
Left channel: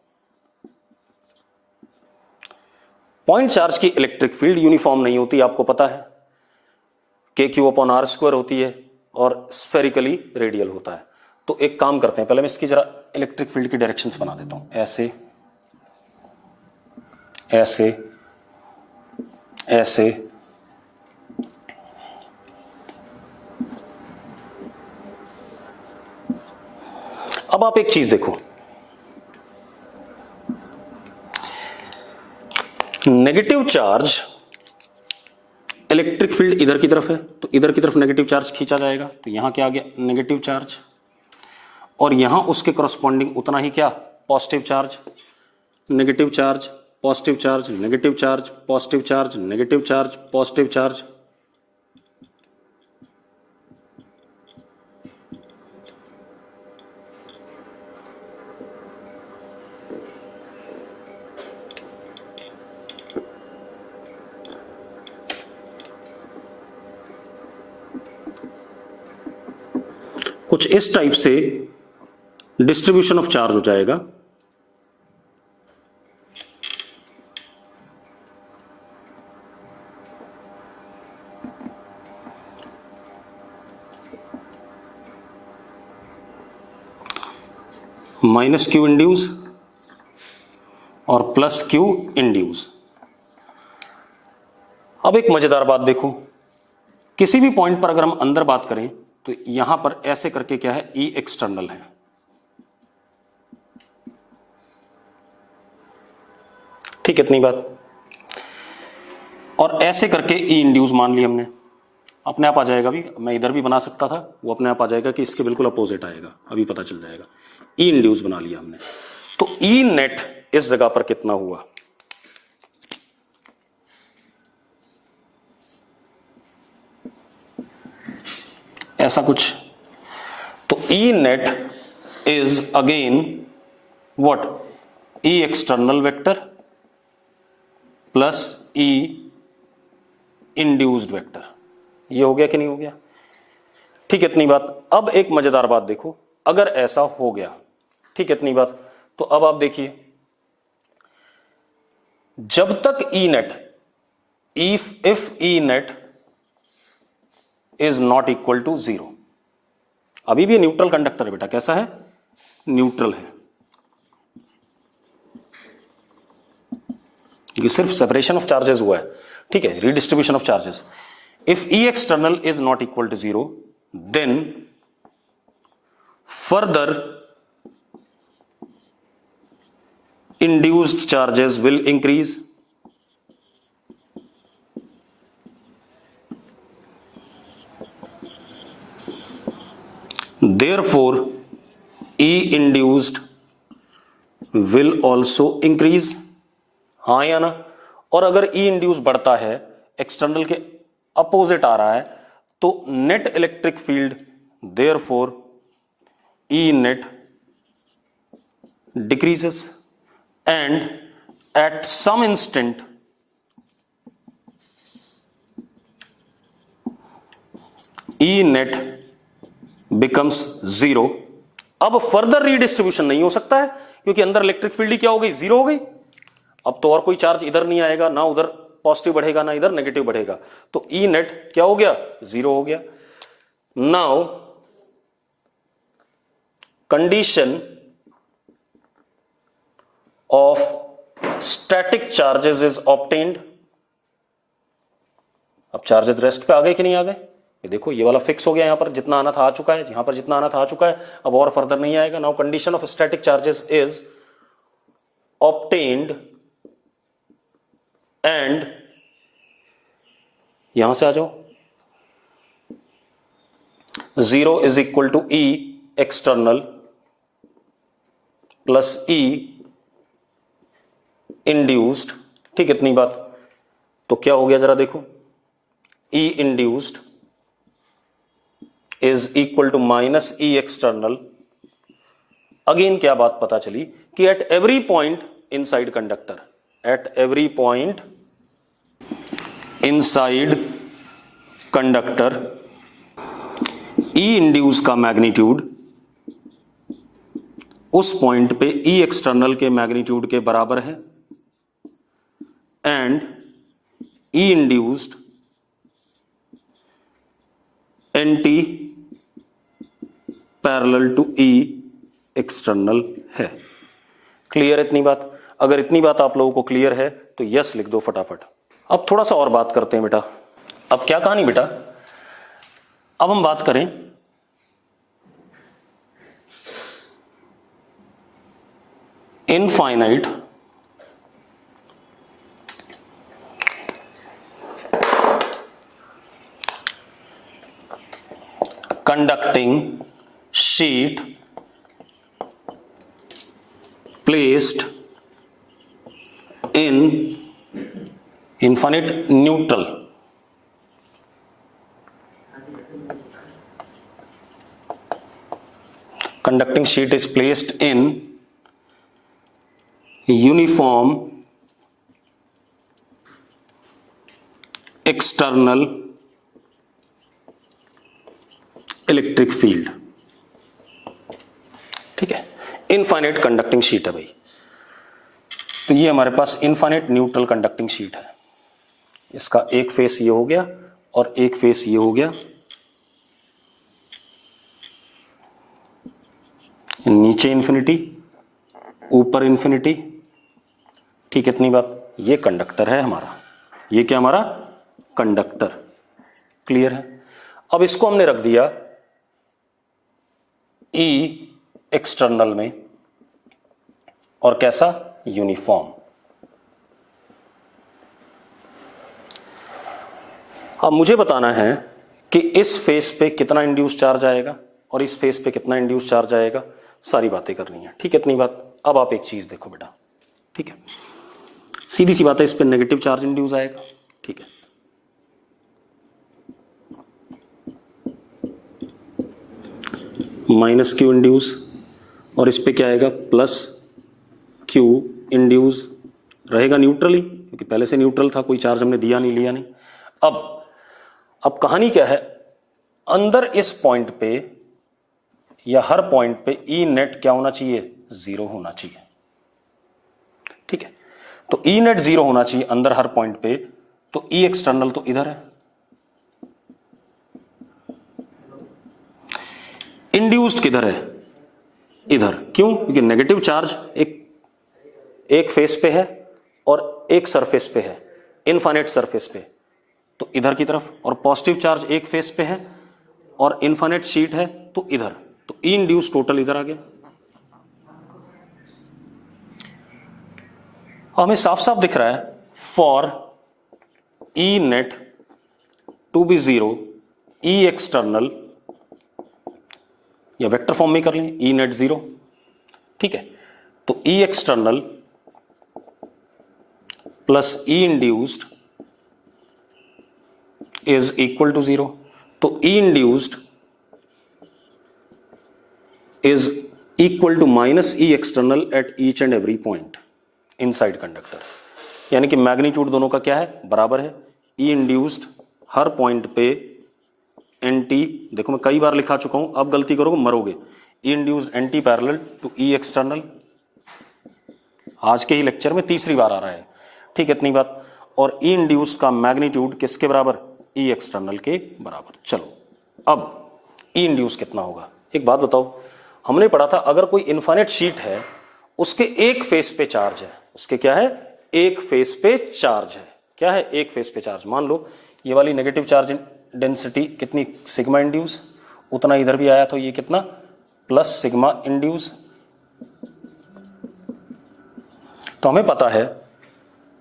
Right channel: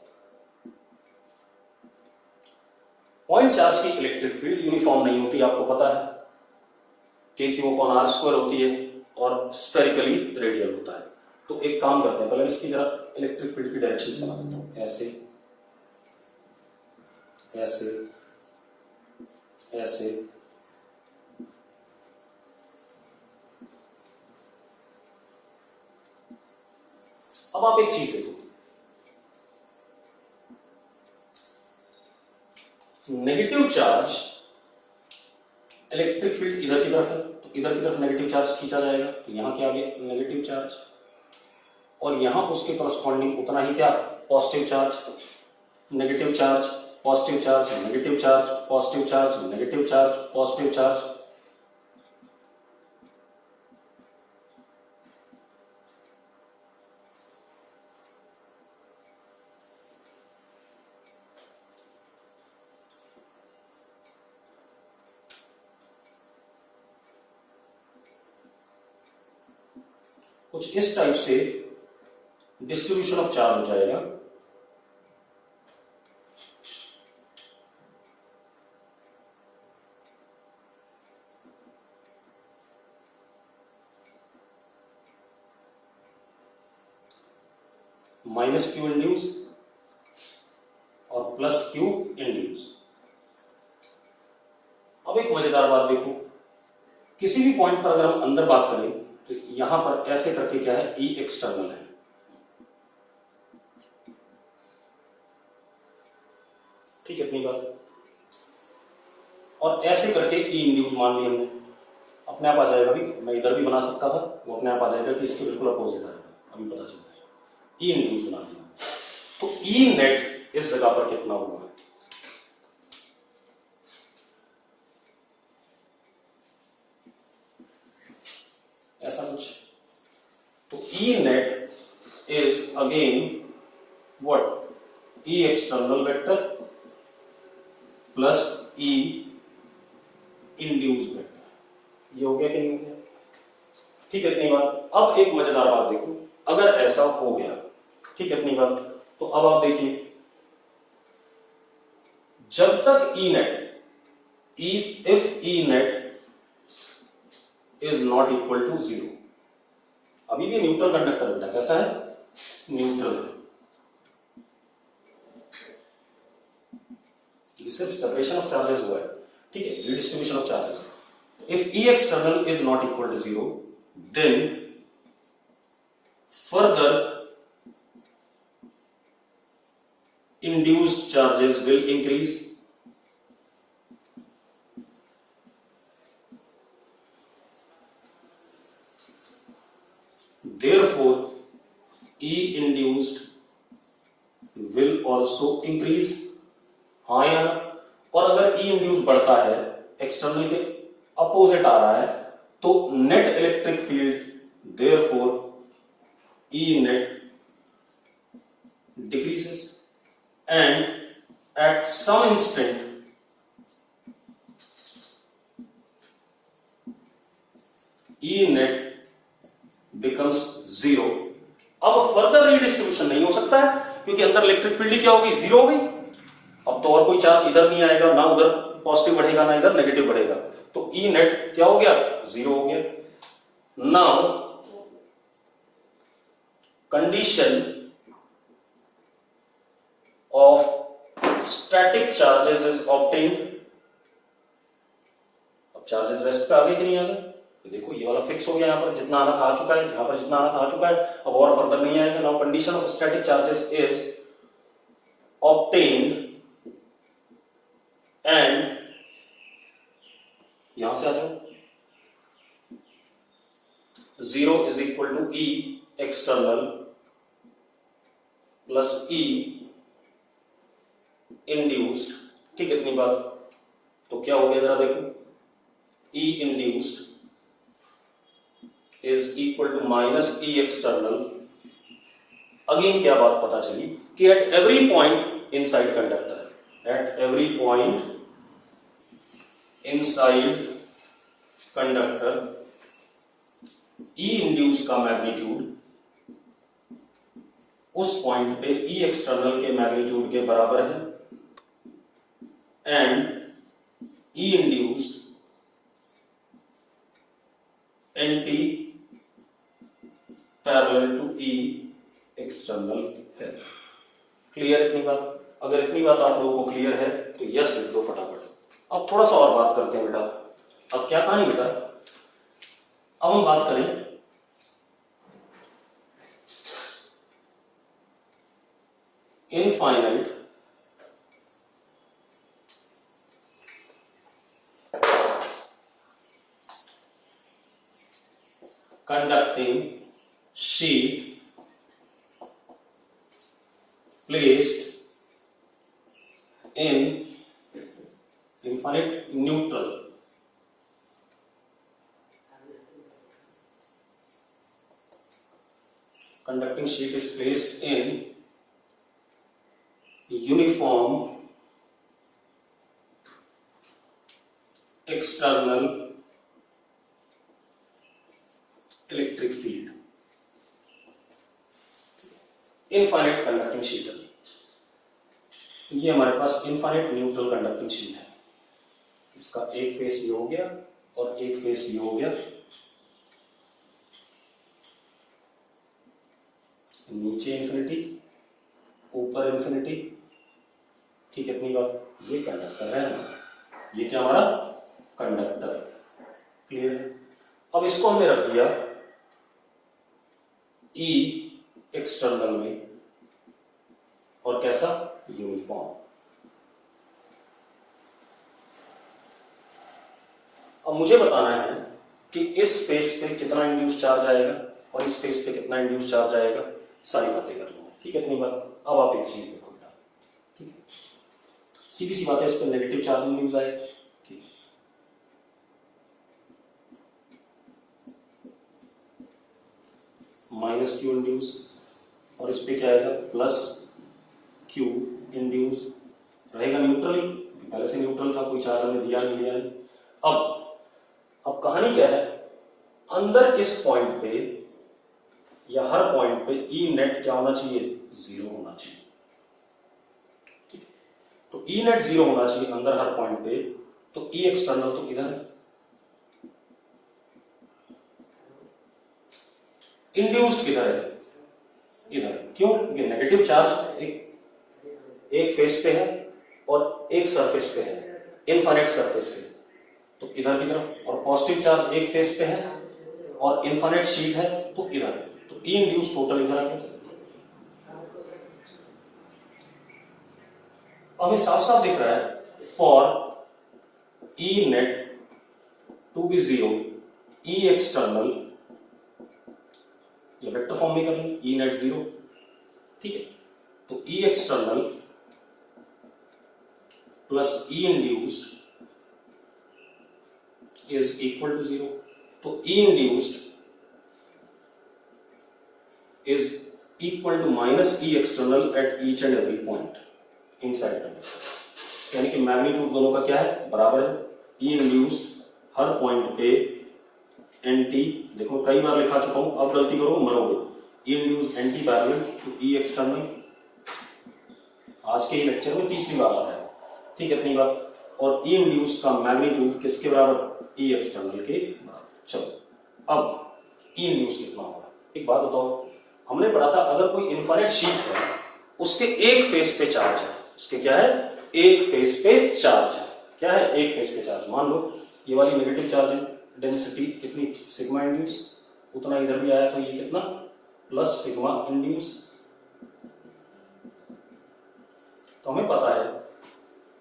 पॉइंट चार्ज की इलेक्ट्रिक फील्ड यूनिफॉर्म नहीं होती, आपको पता है, के क्यू अपॉन आर स्क्वायर होती है और स्फेरिकली रेडियल होता है। तो एक काम करते हैं, पहले मैं इसकी जरा इलेक्ट्रिक फील्ड की डायरेक्शंस बना देता हूं, ऐसे ऐसे ऐसे। अब आप एक चीज देखो, नेगेटिव चार्ज इलेक्ट्रिक फील्ड इधर की तरफ है, तो इधर की तरफ नेगेटिव चार्ज खींचा जाएगा। तो यहां क्या आ गया, नेगेटिव चार्ज, और यहां उसके करस्पॉन्डिंग उतना ही क्या, positive charge. Negative charge, positive charge, negative charge, positive charge, negative charge, positive charge. कुछ इस टाइप से डिस्ट्रीब्यूशन ऑफ चार्ज हो जाएगा। माइनस क्यू इंड्यूस और प्लस क्यू इंड्यूस। अब एक मजेदार बात देखो, किसी भी पॉइंट पर अगर हम अंदर बात करें तो यहां पर ऐसे करके क्या है, ई एक्सटर्नल है। ठीक है इतनी बात। और ऐसे करके ई इंड्यूस मान लिया हमने, अपने आप आ जाएगा। भी मैं इधर भी बना सकता था, वो अपने आप आ जाएगा कि इसके बिल्कुल अपोजिट आएगा, अभी पता चल जाएगा। ई इंड्यूस बना लिया हमने। तो ई नेट इस जगह पर कितना हुआ, ऐसा कुछ। तो E net is again what, E external vector plus E induced vector. ये हो गया कि नहीं हो गया? ठीक है इतनी बात। अब एक मजेदार बात देखो, अगर ऐसा हो गया, ठीक है इतनी बात, तो अब आप देखिए, जब तक E net, if E net is not equal to 0, अभी भी न्यूट्रल कंडक्टर है बेटा, कैसा है, न्यूट्रल है। ये सिर्फ सेपरेशन ऑफ चार्जेस हुआ है, ठीक है, redistribution of charges. If E external is not equal to 0, then further induced charges will increase, therefore E induced will also increase, हाँ या ना? और अगर E इंड्यूस बढ़ता है, एक्सटर्नल के अपोजिट आ रहा है, तो net electric field therefore E net decreases, and at some instant E net becomes zero. अब फर्दर रीडिस्ट्रीब्यूशन नहीं हो सकता है, क्योंकि अंदर इलेक्ट्रिक फील्ड क्या हो गई, जीरो हो गई। अब तो और कोई चार्ज इधर नहीं आएगा, ना उधर पॉजिटिव बढ़ेगा ना इधर नेगेटिव बढ़ेगा, तो ई नेट क्या हो गया, जीरो हो गया। Now condition of static charges is obtained. अब चार्जेस रेस्ट पे आ गए कि नहीं आ गए, ये देखो ये वाला फिक्स हो गया, यहां पर जितना आना था आ चुका है, यहां पर जितना आना था आ चुका है, अब और फर्दर नहीं आएगा। Now condition of static charges is obtained and, यहां से आ जाओ, 0 is equal to E external plus E induced. ठीक, इतनी बात। तो क्या हो गया जरा देखो, E induced is equal to minus E external. Again क्या बात पता चली कि at every point inside conductor, at every point inside conductor E induce का मैग्नीट्यूड उस पॉइंट पे ई एक्सटर्नल के मैग्नीट्यूड के बराबर है, and E induced anti parallel to E external है। क्लियर इतनी बात? अगर इतनी बात आप लोगों को क्लियर है तो यस लिख दो फटाफट। अब थोड़ा सा और बात करते हैं बेटा। अब क्या कहानी बेटा, अब हम बात करें infinite conducting sheet placed in infinite neutral. Conducting sheet is placed in uniform external electric field. ठीक है, इनफाइनाइट कंडक्टिंग शीट है भाई। तो ये हमारे पास इनफाइनाइट न्यूट्रल कंडक्टिंग शीट है। इसका एक फेस ये हो गया और एक फेस ये हो गया, नीचे इन्फिनिटी ऊपर इन्फिनिटी। ठीक है, इतनी बात। ये कंडक्टर है हमारा, ये क्या हमारा कंडक्टर। क्लियर है? अब इसको हमने रख दिया ई एक्सटर्नल में, और कैसा, यूनिफॉर्म। अब मुझे बताना है कि इस फेस पे कितना इंड्यूस चार्ज आएगा और इस फेस पे कितना इंड्यूस चार्ज आएगा, सारी बातें करनी है। ठीक है, इतनी बात। अब आप एक चीज देखो बेटा, ठीक है, सीधी सी बात है, इस पे नेगेटिव चार्ज इंड्यूस आएगा। ठीक है, माइनस क्यू इंड्यूस, और इस पे क्या आएगा, प्लस क्यू इंड्यूस। रहेगा न्यूट्रल ही, क्योंकि पहले से न्यूट्रल था, कोई चार्ज हमने दिया नहीं लिया नहीं। अब कहानी क्या है, अंदर इस पॉइंट पे या हर पॉइंट पे ई नेट क्या होना चाहिए, जीरो होना चाहिए। ठीक है, तो ई नेट जीरो होना चाहिए अंदर हर पॉइंट पे। तो ई एक्सटर्नल तो इधर है, इंड्यूस्ड किधर है, इधर। क्यों? क्योंकि नेगेटिव चार्ज एक फेस पे है और एक सरफेस पे है, इनफाइनाइट सरफेस पे, तो इधर की तरफ, और पॉजिटिव चार्ज एक फेस पे है और इनफाइनाइट शीट है तो इधर, तो ई इंड्यूस टोटल इधर आ गया। हमें साफ साफ दिख रहा है, for E net to be zero, E external, या वेक्टर फॉर्म में कर लें, ई नेट जीरो, ठीक है। तो E external plus E induced is equal to 0। तो E induced is equal to minus E external at each and every point inside conductor. यानी कि मैग्नीट्यूड दोनों का क्या है, बराबर है। ई इंड्यूस्ड हर पॉइंट पे एन टी, देखो मैं कई बार लिखा चुका हूं, अब गलती करोगे मरोगे। E induced anti parallel to E external, आज के ही लेक्चर में तीसरी बार आ रहा है, ठीक है, इतनी बात। और ई इंड्यूस्ड का मैग्नीट्यूड किसके बराबर, ई एक्सटर्नल के बराबर। चलो अब ई इंड्यूस कितना होगा। एक बात बताओ, हमने पढ़ा था अगर कोई इनफाइनाइट शीट है, उसके एक फेस पे चार्ज है, उसके क्या है, एक फेस पे चार्ज है। क्या है, एक फेस पे चार्ज। मान लो ये वाली नेगेटिव चार्ज डेंसिटी कितनी, सिग्मा इंड्यूस, उतना इधर भी आया तो ये कितना, प्लस सिग्मा इंड्यूस। तो हमें पता है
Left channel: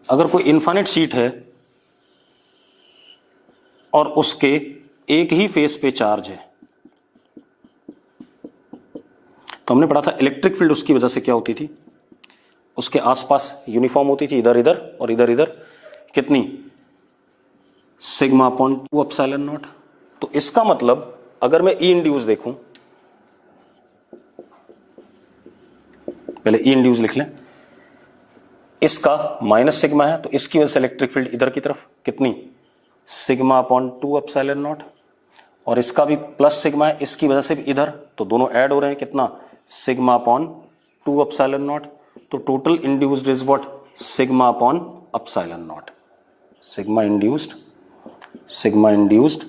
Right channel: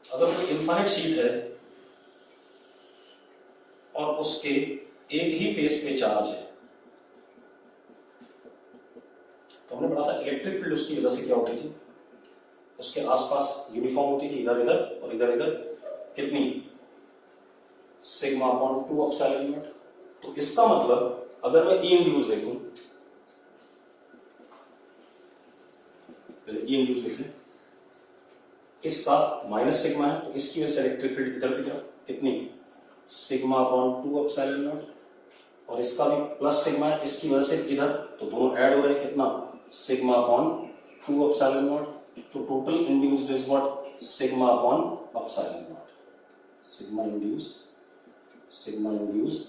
अगर कोई इनफाइनाइट शीट है और उसके एक ही फेस पे चार्ज है, तो हमने पढ़ा था इलेक्ट्रिक फील्ड उसकी वजह से क्या होती थी, उसके आसपास यूनिफॉर्म होती थी, इधर इधर और इधर इधर कितनी, सिग्मा अपॉन 2 एप्सिलॉन नॉट। तो इसका मतलब अगर मैं ई इंड्यूस देखूं, पहले ई इंड्यूस लिख लें, इसका माइनस सिग्मा है तो इसकी वजह से इलेक्ट्रिक फील्ड इधर की तरफ कितनी, सिग्मा अपॉन 2 एप्सिलॉन नॉट, और इसका भी प्लस सिग्मा है, इसकी वजह से भी इधर, तो दोनों ऐड हो रहे हैं, कितना, सिग्मा अपॉन 2 एप्सिलॉन नॉट। तो total induced is what, sigma upon epsilon not. Sigma induced, sigma induced,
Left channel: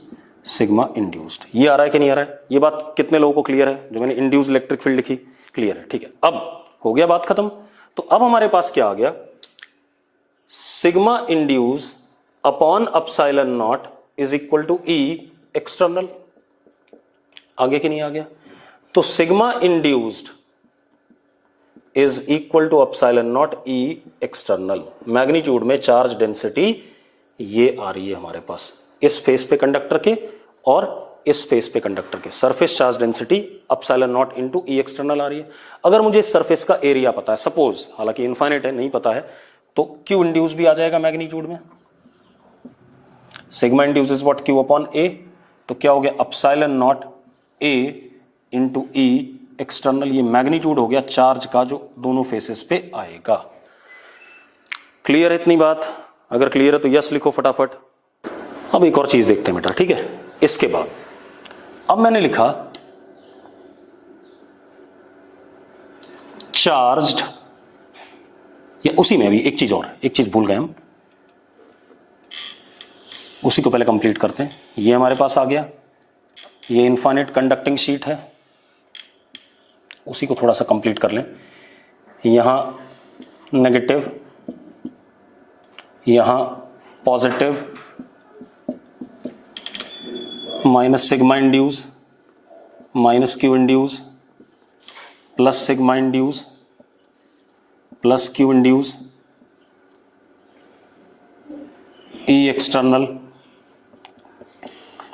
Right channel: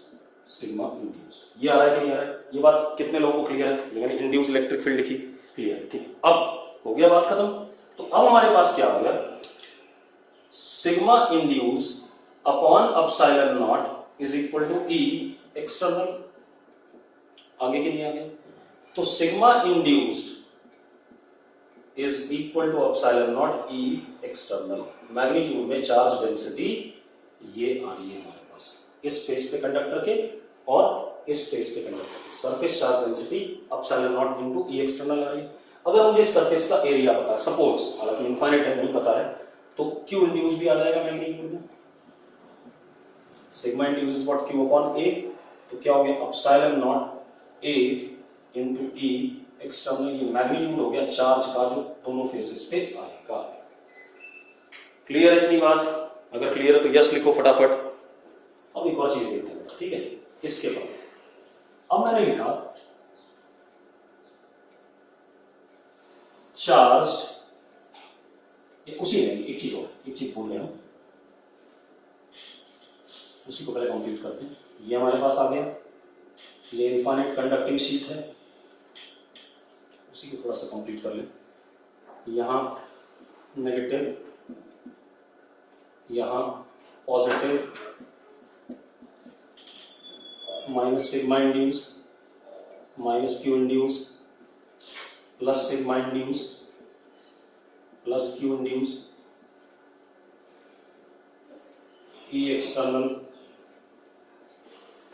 sigma induced. ये आ रहा है कि नहीं आ रहा है, ये बात कितने लोगों को क्लियर है, जो मैंने इंड्यूस्ड इलेक्ट्रिक फील्ड लिखी, क्लियर है, ठीक है। अब हो गया बात खत्म। तो अब हमारे पास क्या आ गया, sigma induce upon epsilon not is equal to E external. आगे कि नहीं आ गया। तो sigma induced is equal to epsilon naught E external. Magnitude में चार्ज डेंसिटी ये आ रही है हमारे पास, इस फेस पे कंडक्टर के और इस फेस पे कंडक्टर के, surface charge density epsilon nought into E external आ रही है। अगर मुझे इस सरफेस का एरिया पता है, सपोज, हालांकि इनफाइनाइट है, नहीं पता है, तो क्यू इंड्यूस भी आ जाएगा मैग्नीट्यूड में। Sigma induce is what, Q upon A. तो क्या हो गया, epsilon nought A into E external. ये मैग्नीट्यूड हो गया चार्ज का जो दोनों फेसेस पे आएगा। क्लियर है इतनी बात? अगर क्लियर है तो यस लिखो फटाफट। अब एक और चीज देखते हैं बेटा, ठीक है। इसके बाद अब मैंने लिखा चार्ज्ड, या उसी में भी एक चीज और, एक चीज भूल गए हम, उसी को पहले कंप्लीट करते हैं। ये हमारे पास आ गया, ये इनफाइनाइट कंडक्टिंग शीट है, उसी को थोड़ा सा कंप्लीट कर लें। यहां नेगेटिव, यहां positive, minus sigma induce, minus Q induce, plus sigma induce, plus Q induce, E external.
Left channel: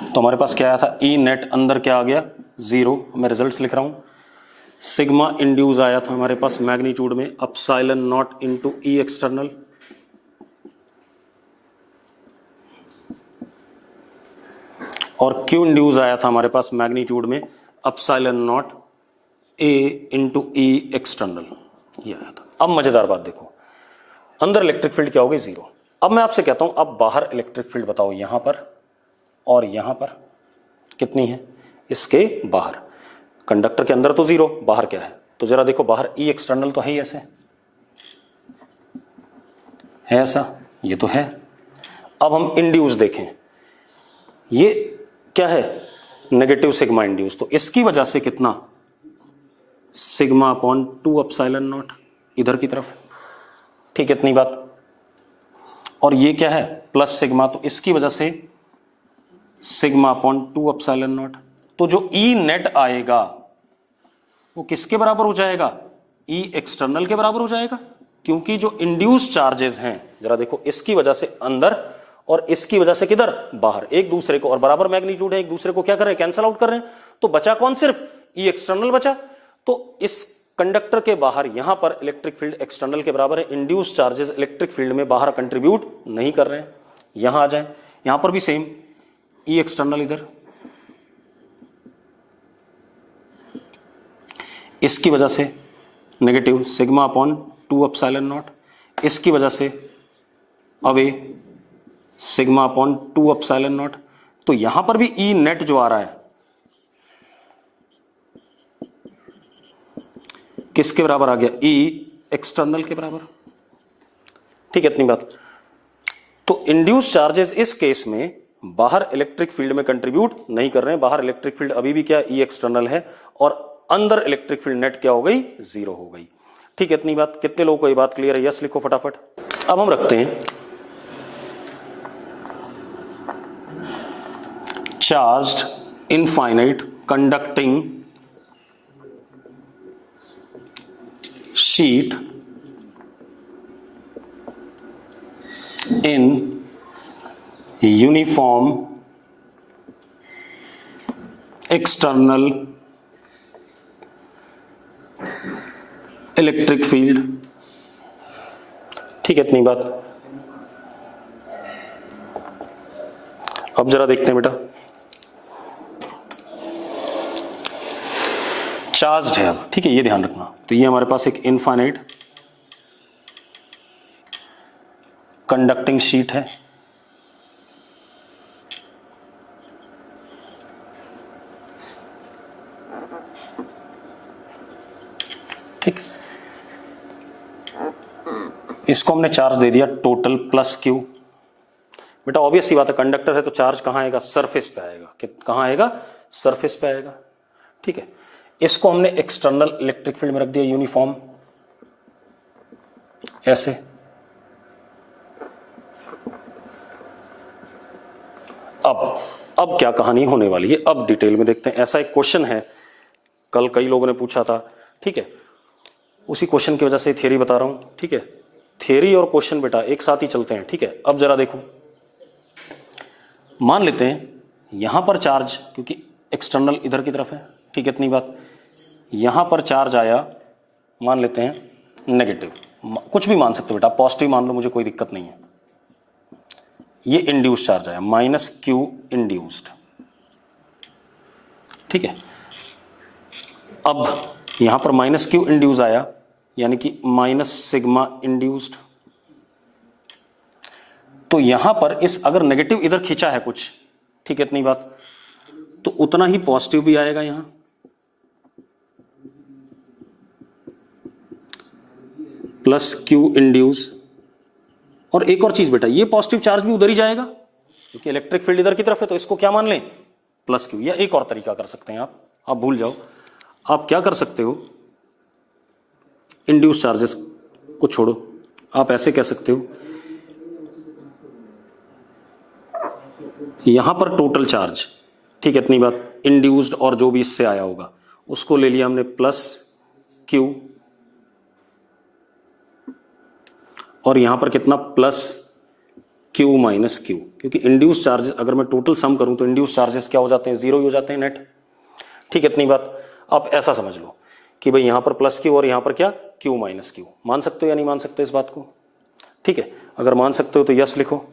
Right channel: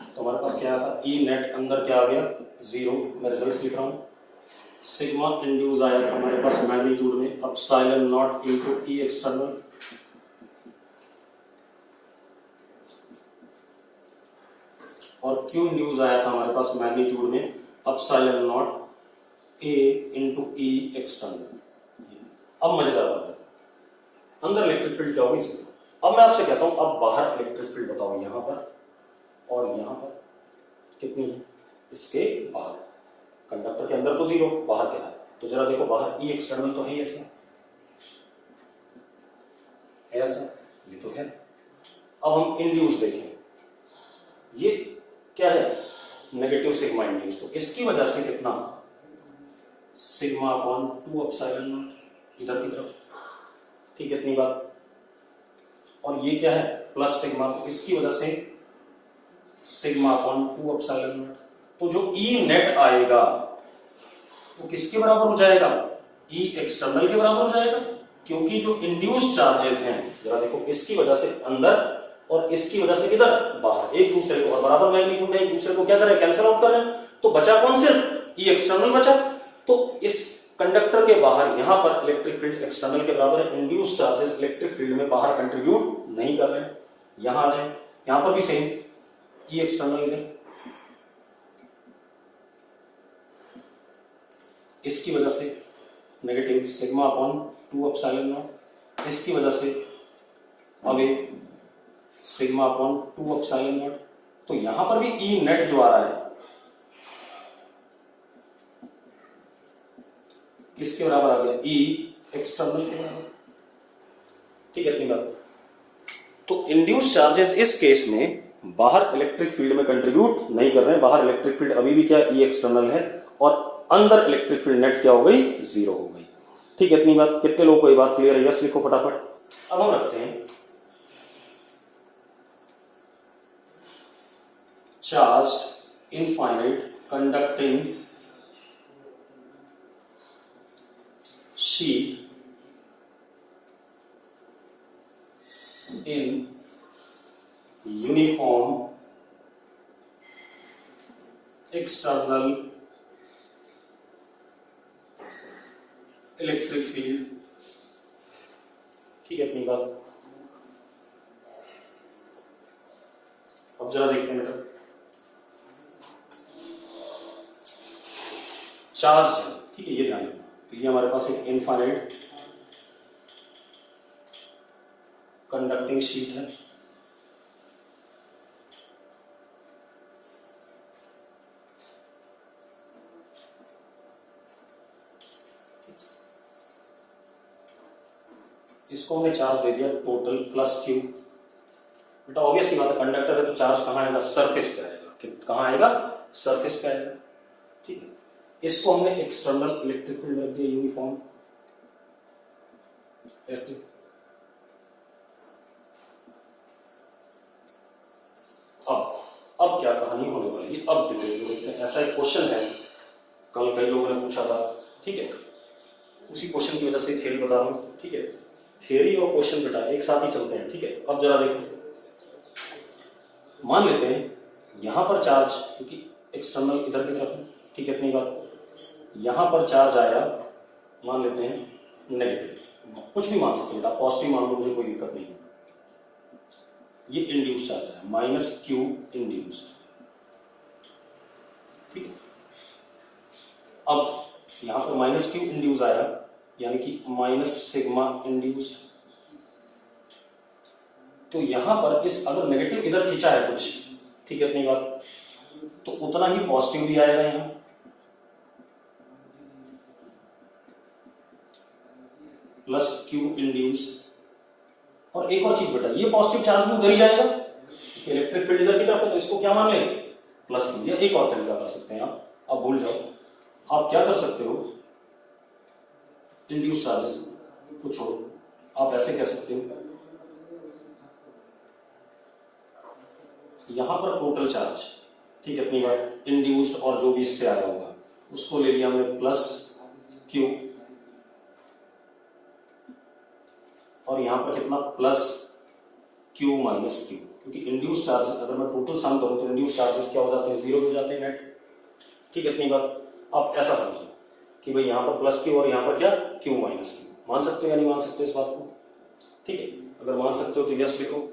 तो हमारे पास क्या आया था, ई नेट, अंदर क्या आ गया, 0। मैं रिजल्ट्स लिख रहा हूं। सिग्मा इंड्यूस आया था हमारे पास मैग्नीट्यूड में epsilon nought into E external, और क्यू इंड्यूस आया था हमारे पास मैग्नीट्यूड में epsilon nought A into E external, ये आया था। अब मजेदार बात देखो, अंदर इलेक्ट्रिक फील्ड क्या होगी, 0। अब मैं आपसे कहता हूं, अब बाहर इलेक्ट्रिक फील्ड बताओ, यहां पर और यहां पर कितनी है, इसके बाहर। कंडक्टर के अंदर तो 0, बाहर क्या है, तो जरा देखो बाहर ई एक्सटर्नल तो है ही, ऐसे है, ऐसा ये तो है। अब हम इंड्यूस देखें, ये क्या है, नेगेटिव सिग्मा इंड्यूस, तो इसकी वजह से कितना, सिग्मा अपॉन 2 एप्सिलॉन नॉट इधर की तरफ, ठीक है, इतनी बात। और ये क्या है, प्लस सिग्मा, तो इसकी वजह से सिग्मा अपॉन 2 एप्सिलॉन नॉट। तो जो ई नेट आएगा वो किसके बराबर हो जाएगा, ई एक्सटर्नल के बराबर हो जाएगा, क्योंकि जो इंड्यूस चार्जेस हैं, जरा देखो, इसकी वजह से अंदर और इसकी वजह से किधर, बाहर, एक दूसरे को, और बराबर मैग्नीट्यूड है, एक दूसरे को क्या कर रहे हैं, कैंसिल आउट कर रहे हैं। तो बचा कौन, सिर्फ ई एक्सटर्नल बचा। तो इस कंडक्टर के बाहर यहां पर इलेक्ट्रिक फील्ड एक्सटर्नल के बराबर है, इंड्यूस चार्जेस इलेक्ट्रिक फील्ड में बाहर कंट्रीब्यूट नहीं कर रहे हैं। यहां आ जाए, यहां पर भी सेम, ई एक्सटर्नल इधर, इसकी वजह से negative sigma upon 2 epsilon naught, इसकी वजह से away sigma upon 2 epsilon naught. तो यहां पर भी ई नेट जो आ रहा है किसके बराबर आ गया, ई एक्सटर्नल के बराबर। ठीक है, इतनी बात। तो इंड्यूस चार्जेस इस केस में बाहर इलेक्ट्रिक फील्ड में कंट्रीब्यूट नहीं कर रहे हैं, बाहर इलेक्ट्रिक फील्ड अभी भी क्या ई एक्सटर्नल है, और अंदर इलेक्ट्रिक फील्ड नेट क्या हो गई, 0 हो गई। ठीक है, इतनी बात। कितने लोगों को ये बात क्लियर है? यस लिखो फटाफट। अब हम रखते हैं charged infinite conducting sheet in uniform external electric field. ठीक है, इतनी बात। अब जरा देखते हैं बेटा, चार्ज है अब। ठीक है, ये ध्यान रखना। तो ये हमारे पास एक इनफाइनाइट कंडक्टिंग शीट है, ठीक। इसको हमने चार्ज दे दिया टोटल प्लस क्यू। बेटा ऑब्वियस सी बात है, कंडक्टर है तो चार्ज कहां आएगा, सरफेस पे आएगा। कहां आएगा, सरफेस पे आएगा। ठीक है, इसको हमने एक्सटर्नल इलेक्ट्रिक फील्ड में रख दिया यूनिफॉर्म, ऐसे। अब क्या कहानी होने वाली है, अब डिटेल में देखते हैं। ऐसा एक क्वेश्चन है, कल कई लोगों ने पूछा था। ठीक है, उसी क्वेश्चन की वजह से थियरी बता रहा हूं। ठीक है, थियरी और क्वेश्चन बेटा एक साथ ही चलते हैं। ठीक है, अब जरा देखो, मान लेते हैं यहां पर चार्ज, क्योंकि एक्सटर्नल इधर की तरफ है। ठीक है, इतनी बात। यहां पर चार्ज आया, मान लेते हैं नेगेटिव, कुछ भी मान सकते हो बेटा, पॉजिटिव मान लो, मुझे कोई दिक्कत नहीं है। ये इंड्यूस चार्ज आया, माइनस क्यू इंड्यूस्ड। ठीक है, अब यहां पर माइनस क्यू इंड्यूस आया, यानी कि माइनस सिग्मा इंड्यूस्ड। तो यहां पर इस अगर नेगेटिव इधर खींचा है कुछ, ठीक है, इतनी बात, तो उतना ही पॉजिटिव भी आएगा यहां। Plus Q induce. और एक और चीज बेटा, ये पॉजिटिव चार्ज भी उधर ही जाएगा, क्योंकि इलेक्ट्रिक फील्ड इधर की तरफ है, तो इसको क्या मान लें, प्लस क्यू। या एक और तरीका कर सकते हैं आप भूल जाओ। आप क्या कर सकते हो, इंड्यूस चार्जेस को छोड़ो, आप ऐसे कह सकते हो, यहां पर टोटल चार्ज, ठीक है, इतनी बात, इंड्यूस्ड और जो भी इससे आया होगा उसको ले लिया हमने प्लस क्यू, और यहां पर कितना, प्लस क्यू माइनस क्यू। क्योंकि इंड्यूस चार्जेस अगर मैं टोटल सम करूं तो इंड्यूस चार्जेस क्या हो जाते हैं, 0 ही हो जाते हैं नेट। ठीक है, इतनी बात। आप ऐसा समझ लो कि भाई यहां पर प्लस क्यू और यहां पर क्या, क्यू माइनस क्यू। मान सकते हो या नहीं मान सकते इस बात को? ठीक है, अगर मान सकते हो तो यस लिखो,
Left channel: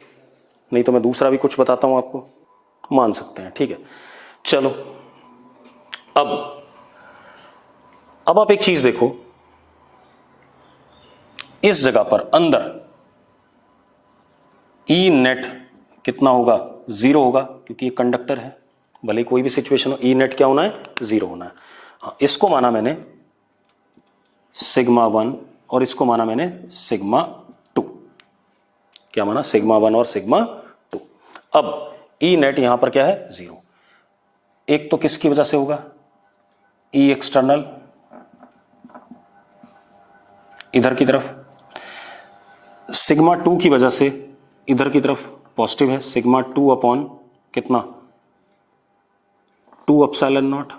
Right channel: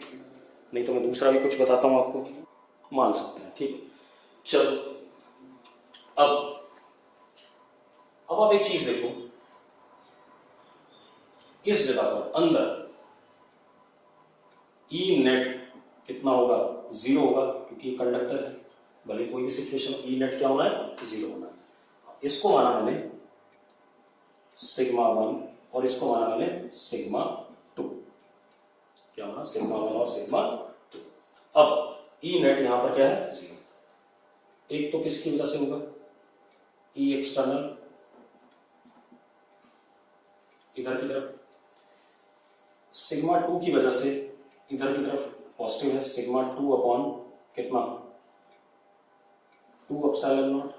नहीं तो मैं दूसरा भी कुछ बताता हूं आपको। मान सकते हैं, ठीक है। चलो, अब आप एक चीज देखो, इस जगह पर अंदर ई नेट कितना होगा, 0 होगा, क्योंकि ये कंडक्टर है। भले कोई भी सिचुएशन हो, ई नेट क्या होना है, 0 होना है। हाँ, इसको माना मैंने सिग्मा 1 और इसको माना मैंने सिग्मा 2। क्या माना, सिग्मा 1 और सिग्मा 2। अब ई नेट यहां पर क्या है, 0। एक तो किसकी वजह से होगा, ई एक्सटर्नल इधर की तरफ, सिग्मा 2 की वजह से इधर की तरफ पॉजिटिव है, सिग्मा 2 अपॉन कितना, 2 एप्सिलॉन नॉट,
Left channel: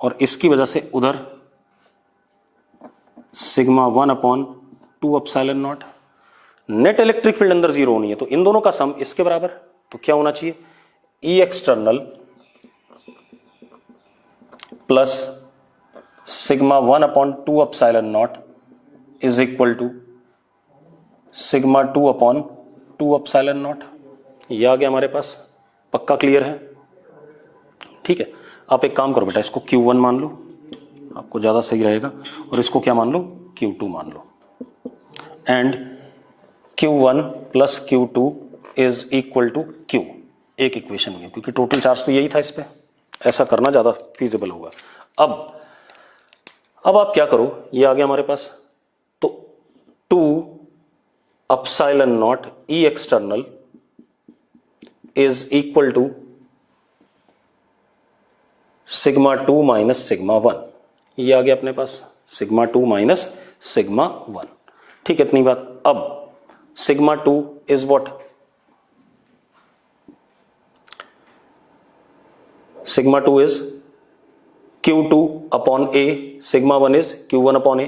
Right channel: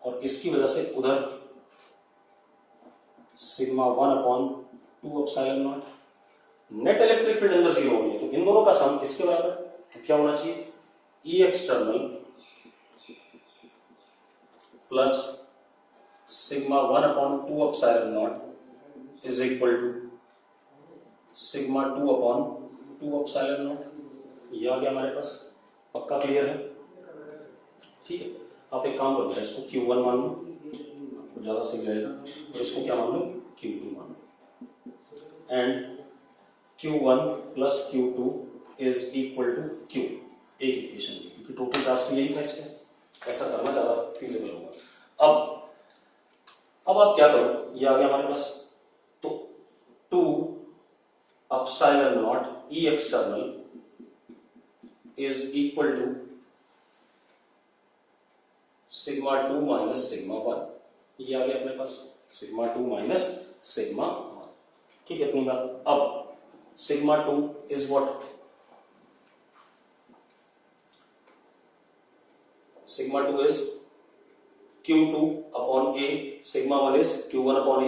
और इसकी वजह से उधर sigma 1 upon 2 epsilon not. Net electric field अंदर 0 होनी है, तो इन दोनों का सम इसके बराबर, तो क्या होना चाहिए, E external plus sigma 1 upon 2 epsilon not is equal to sigma 2 upon 2 epsilon not. ये आ गया हमारे पास, पक्का क्लियर है? ठीक है, आप एक काम करो बेटा, इसको Q1 मान लो, आपको ज्यादा सही रहेगा, और इसको क्या मान लो, Q2 मान लो, and Q1 plus Q2 is equal to Q। एक इक्वेशन है, क्योंकि टोटल चार्ज तो यही था इस पे, ऐसा करना ज्यादा फीजिबल होगा। अब आप क्या करो, ये आ गया हमारे पास, तो 2 epsilon naught E external is equal to sigma 2 minus sigma 1। ये आ गया अपने पास, सिग्मा 2 माइनस सिग्मा 1। ठीक है, इतनी बात। अब sigma 2 is what, sigma 2 is Q2 upon A, sigma 1 is Q1 upon A।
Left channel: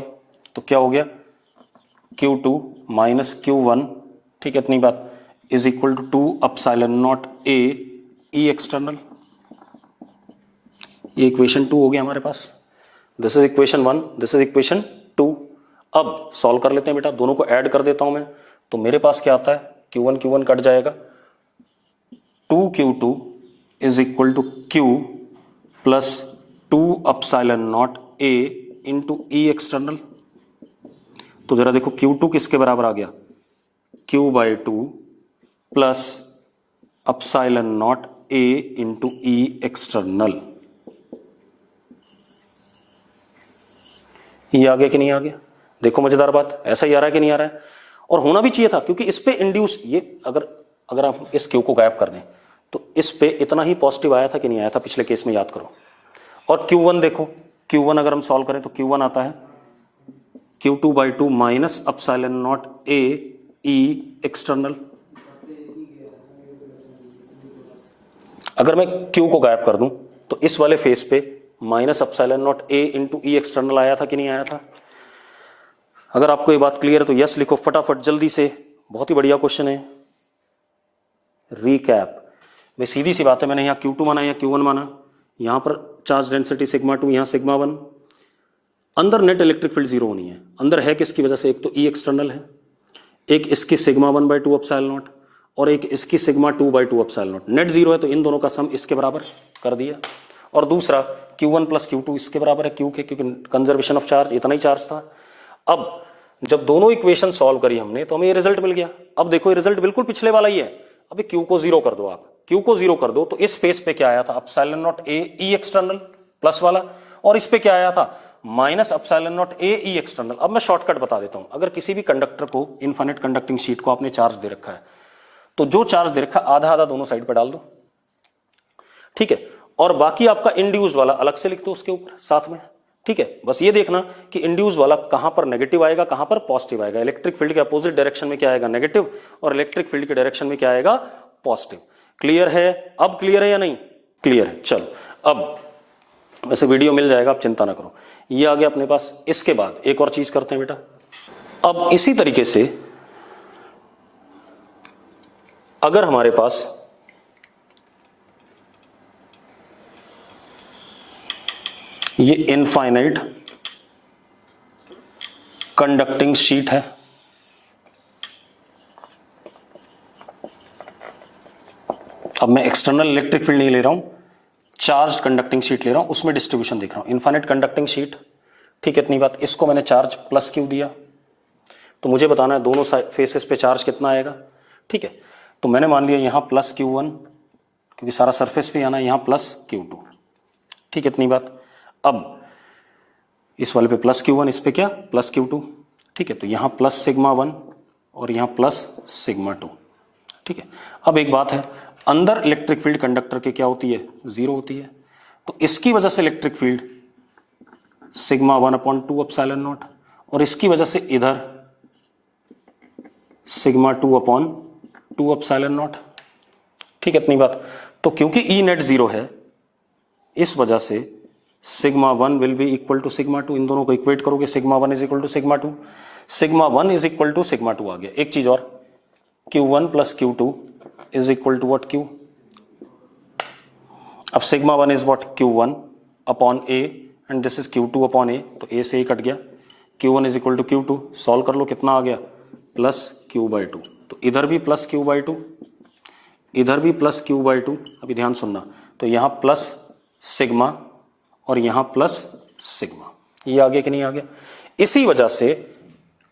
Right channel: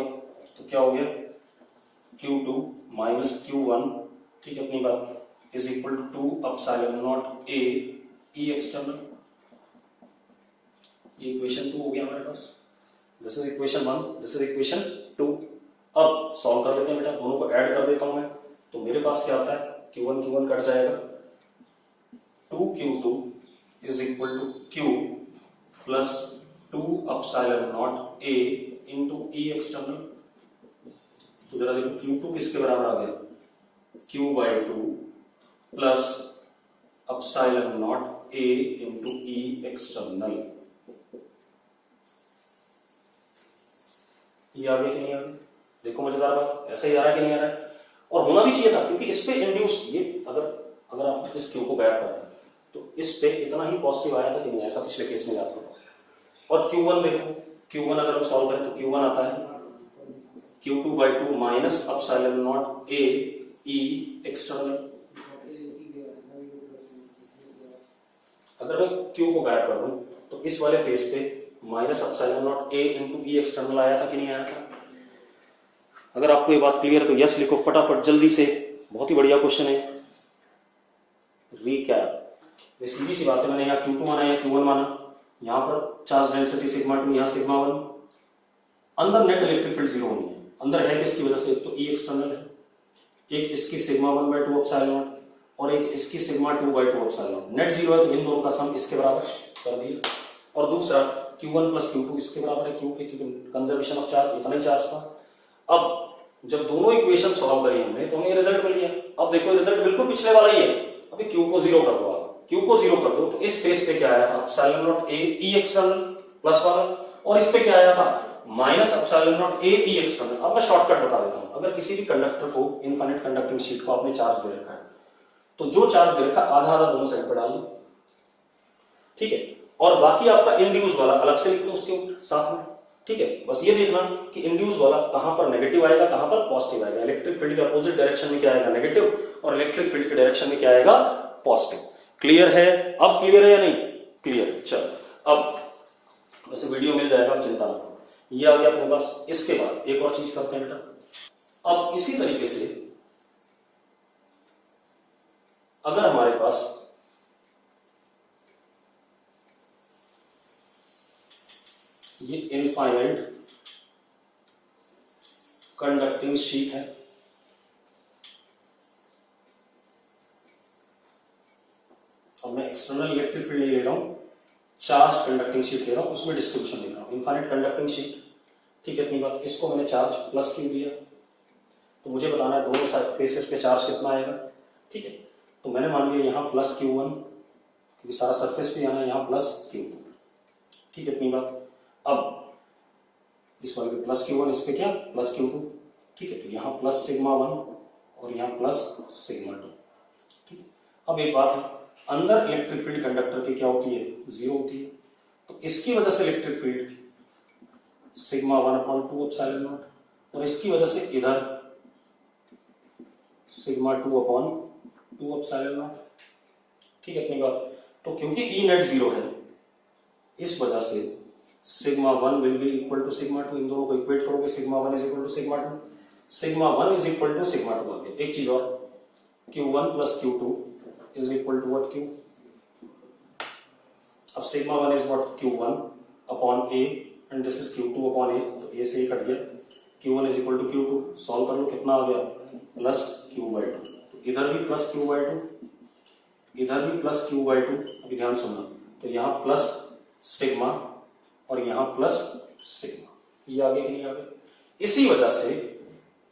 तो क्या हो गया, Q2 माइनस Q1, ठीक है इतनी बात, is equal to 2 epsilon not A E external. ये इक्वेशन 2 हो गया हमारे पास। This is equation 1, this is equation 2। अब सॉल्व कर लेते हैं बेटा, दोनों को ऐड कर देता हूं मैं, तो मेरे पास क्या आता है, Q1 कट जाएगा, 2Q2 is equal to Q plus 2 epsilon not A into E external. तो जरा देखो Q2 किसके बराबर आ गया, Q/2 plus epsilon not A into E external. ये आ गया कि नहीं आ गया? देखो मजेदार बात, ऐसा ही आ रहा है कि नहीं आ रहा है? और होना भी चाहिए था, क्योंकि इस पे इंड्यूस, ये अगर आप इस Q को गायब कर दें तो इस पे इतना ही पॉजिटिव आया था कि नहीं आया था पिछले केस में, याद करो। और Q1 देखो, Q1 अगर हम सॉल्व करें तो Q1 आता है Q2/2 minus epsilon not A E external. अगर मैं Q को गायब कर दूं तो इस वाले फेस पे minus epsilon not A into E external आया था कि नहीं आया था? अगर आपको ये बात क्लियर है तो यस लिखो फटाफट जल्दी से, बहुत ही बढ़िया क्वेश्चन है। रीकैप में सीधी सी बात है, मैंने यहाँ Q2 माना या Q1 माना, यहां पर चार्ज डेंसिटी सिग्मा 2, यहां सिग्मा 1, अंदर नेट इलेक्ट्रिक फील्ड जीरो होनी है। अंदर है किसकी वजह से, एक तो E एक्सटर्नल है, एक इसकी सिग्मा 1/2 एप्सिलॉन नॉट, और एक इसकी sigma 2/2 epsilon not. Net zero है तो इन दोनों का सम इसके बराबर कर दिया। और दूसरा Q1 प्लस Q2 इसके बराबर है, Q के, क्योंकि कंजर्वेशन ऑफ चार्ज, इतना ही चार्ज था। अब जब दोनों इक्वेशन सॉल्व करी हमने तो हमें ये रिजल्ट मिल गया। अब देखो ये रिजल्ट बिल्कुल पिछले वाला ही है। अभी Q को जीरो कर दो, आप Q को जीरो कर दो तो इस स्पेस पे क्या आया था, epsilon not A E external plus वाला, और इस पे क्या आया था, minus epsilon not A E external. अब मैं शॉर्टकट बता देता हूं, अगर किसी भी कंडक्टर को, इनफाइनाइट कंडक्टिंग शीट को आपने चार्ज दे रखा है, तो जो चार्ज दे रखा है आधा आधा दोनों साइड पे डाल दो, ठीक है, और बाकी आपका इंड्यूस वाला अलग से लिख दो उसके ऊपर साथ में, ठीक है। बस ये देखना कि इंड्यूस वाला कहां पर नेगेटिव आएगा, कहां पर पॉजिटिव आएगा। इलेक्ट्रिक फील्ड के अपोजिट डायरेक्शन में क्या आएगा, नेगेटिव, और इलेक्ट्रिक फील्ड के डायरेक्शन में क्या आएगा, पॉजिटिव। क्लियर है? अब क्लियर है या नहीं? क्लियर है। चलो अब वैसे वीडियो मिल जाएगा, आप चिंता ना करो। ये आ गया अपने पास। इसके बाद एक और चीज करते हैं बेटा, अब इसी तरीके से अगर हमारे पास ये इनफाइनाइट कंडक्टिंग शीट है, अब मैं एक्सटर्नल इलेक्ट्रिक फील्ड नहीं ले रहा हूं, चार्ज कंडक्टिंग शीट ले रहा हूं, उसमें डिस्ट्रीब्यूशन देख रहा हूं, इनफाइनाइट कंडक्टिंग शीट, ठीक है इतनी बात। इसको मैंने चार्ज प्लस Q दिया, तो मुझे बताना है दोनों फेसेस पे चार्ज कितना आएगा, ठीक है। तो मैंने मान लिया यहां प्लस Q1, क्योंकि सारा सरफेस पे आना है, यहां प्लस Q2, ठीक है इतनी बात। अब इस वाले पे प्लस Q1, इस पे क्या, प्लस Q2, ठीक है। तो यहां प्लस सिग्मा 1 और यहां प्लस सिग्मा 2, ठीक है। अब एक बात है, अंदर इलेक्ट्रिक फील्ड कंडक्टर के क्या होती है, जीरो होती है, तो इसकी वजह से electric field sigma 1/2 epsilon naught, और इसकी वजह से इधर सिग्मा 2/2 एप्सिलॉन नॉट, ठीक है इतनी बात। तो क्योंकि E नेट जीरो है, इस वजह से sigma 1 will be equal to sigma 2, इन दोनों को इक्वेट करोगे, sigma 1 is equal to sigma 2, sigma 1 is equal to sigma 2 आ गया। एक चीज और, Q1 plus Q2 is equal to what, Q। अब sigma 1 is what, Q1 upon A and this is Q2 upon A, तो ए से ही कट गया, Q1 is equal to Q2, solve कर लो कितना आ गया प्लस Q/2, तो इधर भी प्लस Q/2, इधर भी प्लस Q/2, अभी ध्यान सुनना, तो यहाँ प्लस सिग्मा और यहाँ प्लस सिग्मा, ये आ गया कि नहीं आ गया। इसी वजह से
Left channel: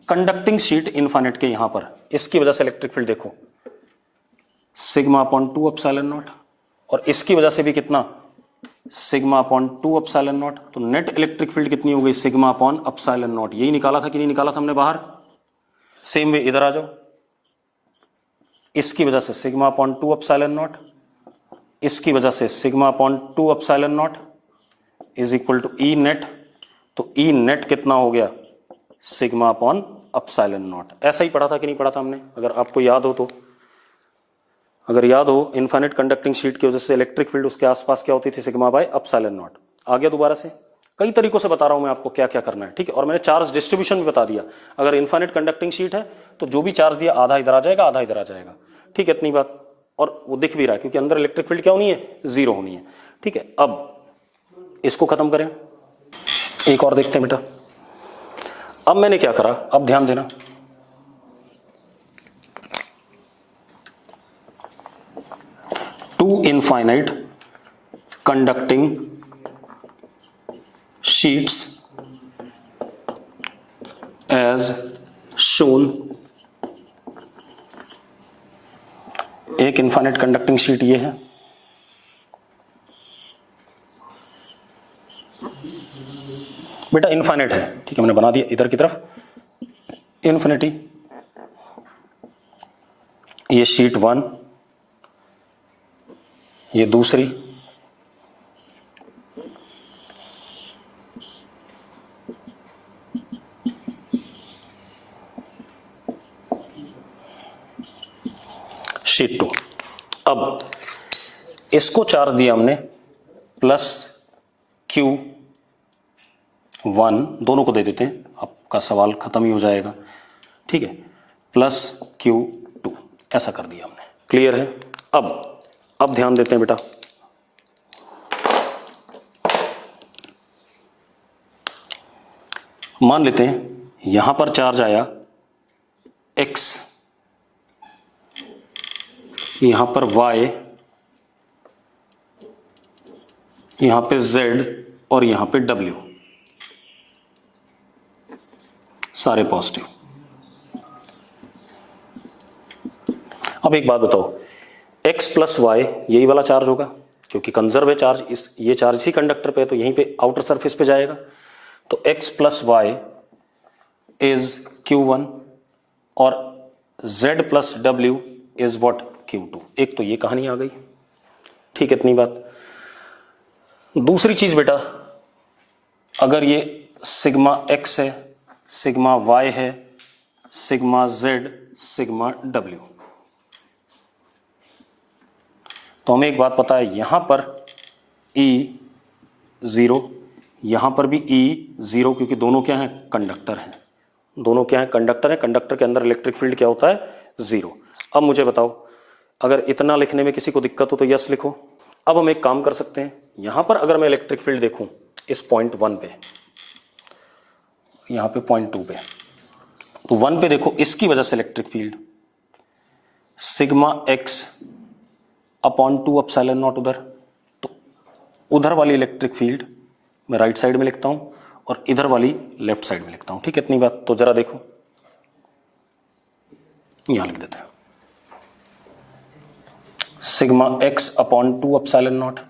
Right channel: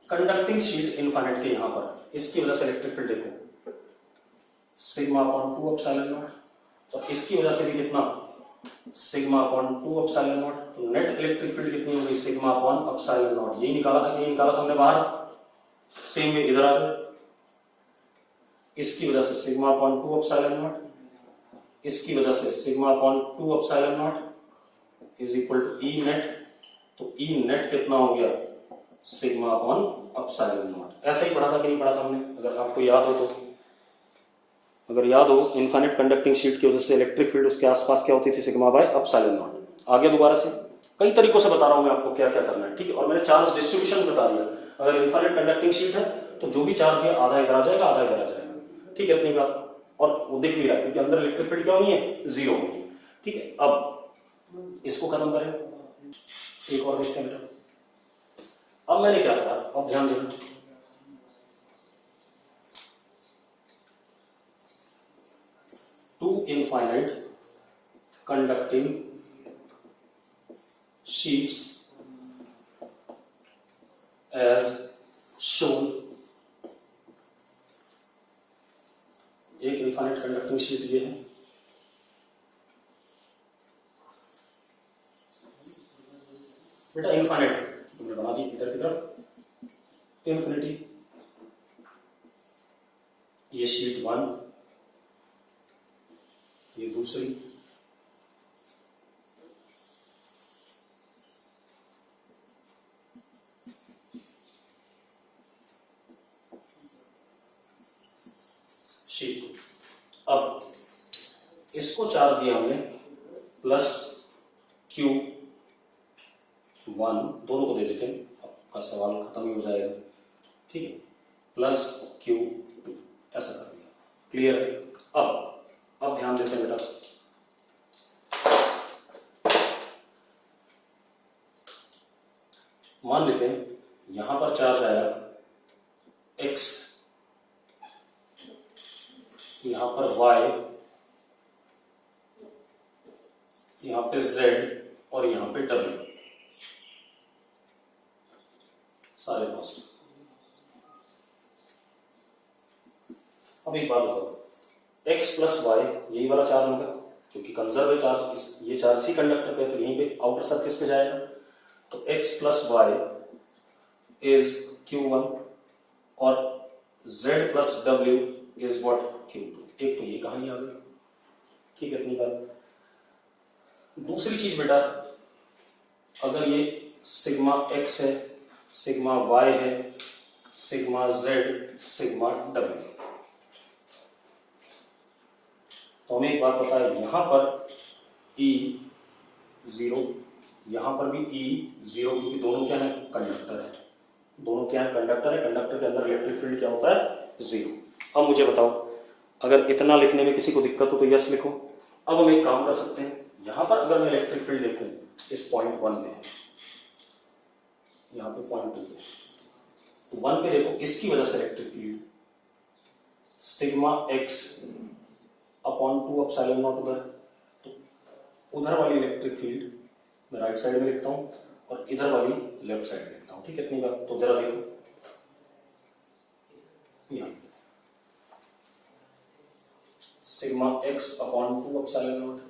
कंडक्टिंग शीट इनफाइनाइट के यहां पर, इसकी वजह से इलेक्ट्रिक फील्ड देखो सिग्मा अपॉन 2 एप्सिलॉन नॉट, और इसकी वजह से भी कितना सिग्मा अपॉन 2 एप्सिलॉन नॉट, तो नेट इलेक्ट्रिक फील्ड कितनी हो गई सिग्मा अपॉन एप्सिलॉन नॉट। यही निकाला था कि नहीं निकाला था हमने बाहर। सेम वे इधर आ जाओ, इसकी वजह से सिग्मा अपॉन 2 एप्सिलॉन नॉट, इसकी वजह से sigma upon 2 epsilon not is equal to E net, तो ई नेट कितना हो गया सिग्मा अपॉन एप्सिलॉन नॉट। ऐसा ही पढ़ा था कि नहीं पढ़ा था हमने, अगर आपको याद हो तो। अगर याद हो, इनफाइनाइट कंडक्टिंग शीट की वजह से इलेक्ट्रिक फील्ड उसके आसपास क्या होती थी सिग्मा बाय एप्सिलॉन नॉट। आ गया दोबारा से, कई तरीकों से बता रहा हूं मैं आपको क्या क्या करना है, ठीक है। और मैंने चार्ज डिस्ट्रीब्यूशन भी बता दिया, अगर इनफाइनाइट कंडक्टिंग शीट है तो जो भी चार्ज दिया आधा इधर आ जाएगा आधा इधर आ जाएगा, ठीक है, इतनी बात। और वो दिख भी रहा है क्योंकि अंदर इलेक्ट्रिक फील्ड क्या होनी है, जीरो होनी है, ठीक है। अब इसको खत्म करें, एक और देखते हैं बेटा। अब मैंने क्या करा, अब ध्यान देना, two infinite conducting sheets as shown, एक इनफाइनाइट कंडक्टिंग शीट ये है, बेटा इनफाइनाइट है, ठीक है, मैंने बना दिया इधर की तरफ इन्फिनिटी। ये शीट 1, ये दूसरी, शीट 2। अब इसको चार्ज दिया हमने प्लस Q1, दोनों को दे देते हैं, आपका सवाल खत्म ही हो जाएगा, ठीक है, प्लस Q2, ऐसा कर दिया हमने, क्लियर है। अब ध्यान देते हैं बेटा, मान लेते हैं यहां पर चार्ज आया X, यहां पर Y, यहां पे Z और यहां पे W, सारे पॉजिटिव। अब एक बात बताओ, X प्लस Y यही वाला चार्ज होगा क्योंकि कंजर्व है चार्ज, ये चार्ज ही कंडक्टर पे है तो यहीं पे आउटर सरफेस पे जाएगा, तो X plus Y is Q1 और Z plus W is what Q2। एक तो ये कहानी आ गई, ठीक है, इतनी बात। दूसरी चीज बेटा, अगर ये सिग्मा X है, सिग्मा Y है, सिग्मा Z, सिग्मा W, तो हमें एक बात पता है, यहां पर E0, यहां पर भी E0, क्योंकि दोनों क्या है कंडक्टर हैं, दोनों क्या है कंडक्टर है, कंडक्टर के अंदर इलेक्ट्रिक फील्ड क्या होता है जीरो। अब मुझे बताओ, अगर इतना लिखने में किसी को दिक्कत हो तो यस लिखो। अब हम एक काम कर सकते हैं, यहां पर अगर मैं इलेक्ट्रिक फील्ड देखूं इस पॉइंट 1 पे, यहां पे पॉइंट 2 पे, तो 1 पे देखो, इसकी वजह से electric field sigma X upon 2 epsilon not उधर, तो उधर वाली इलेक्ट्रिक फील्ड मैं राइट साइड में लिखता हूं और इधर वाली लेफ्ट साइड में लिखता हूं, ठीक है, इतनी बात। तो जरा देखो, यहां लिख देते हैं sigma X upon 2 epsilon not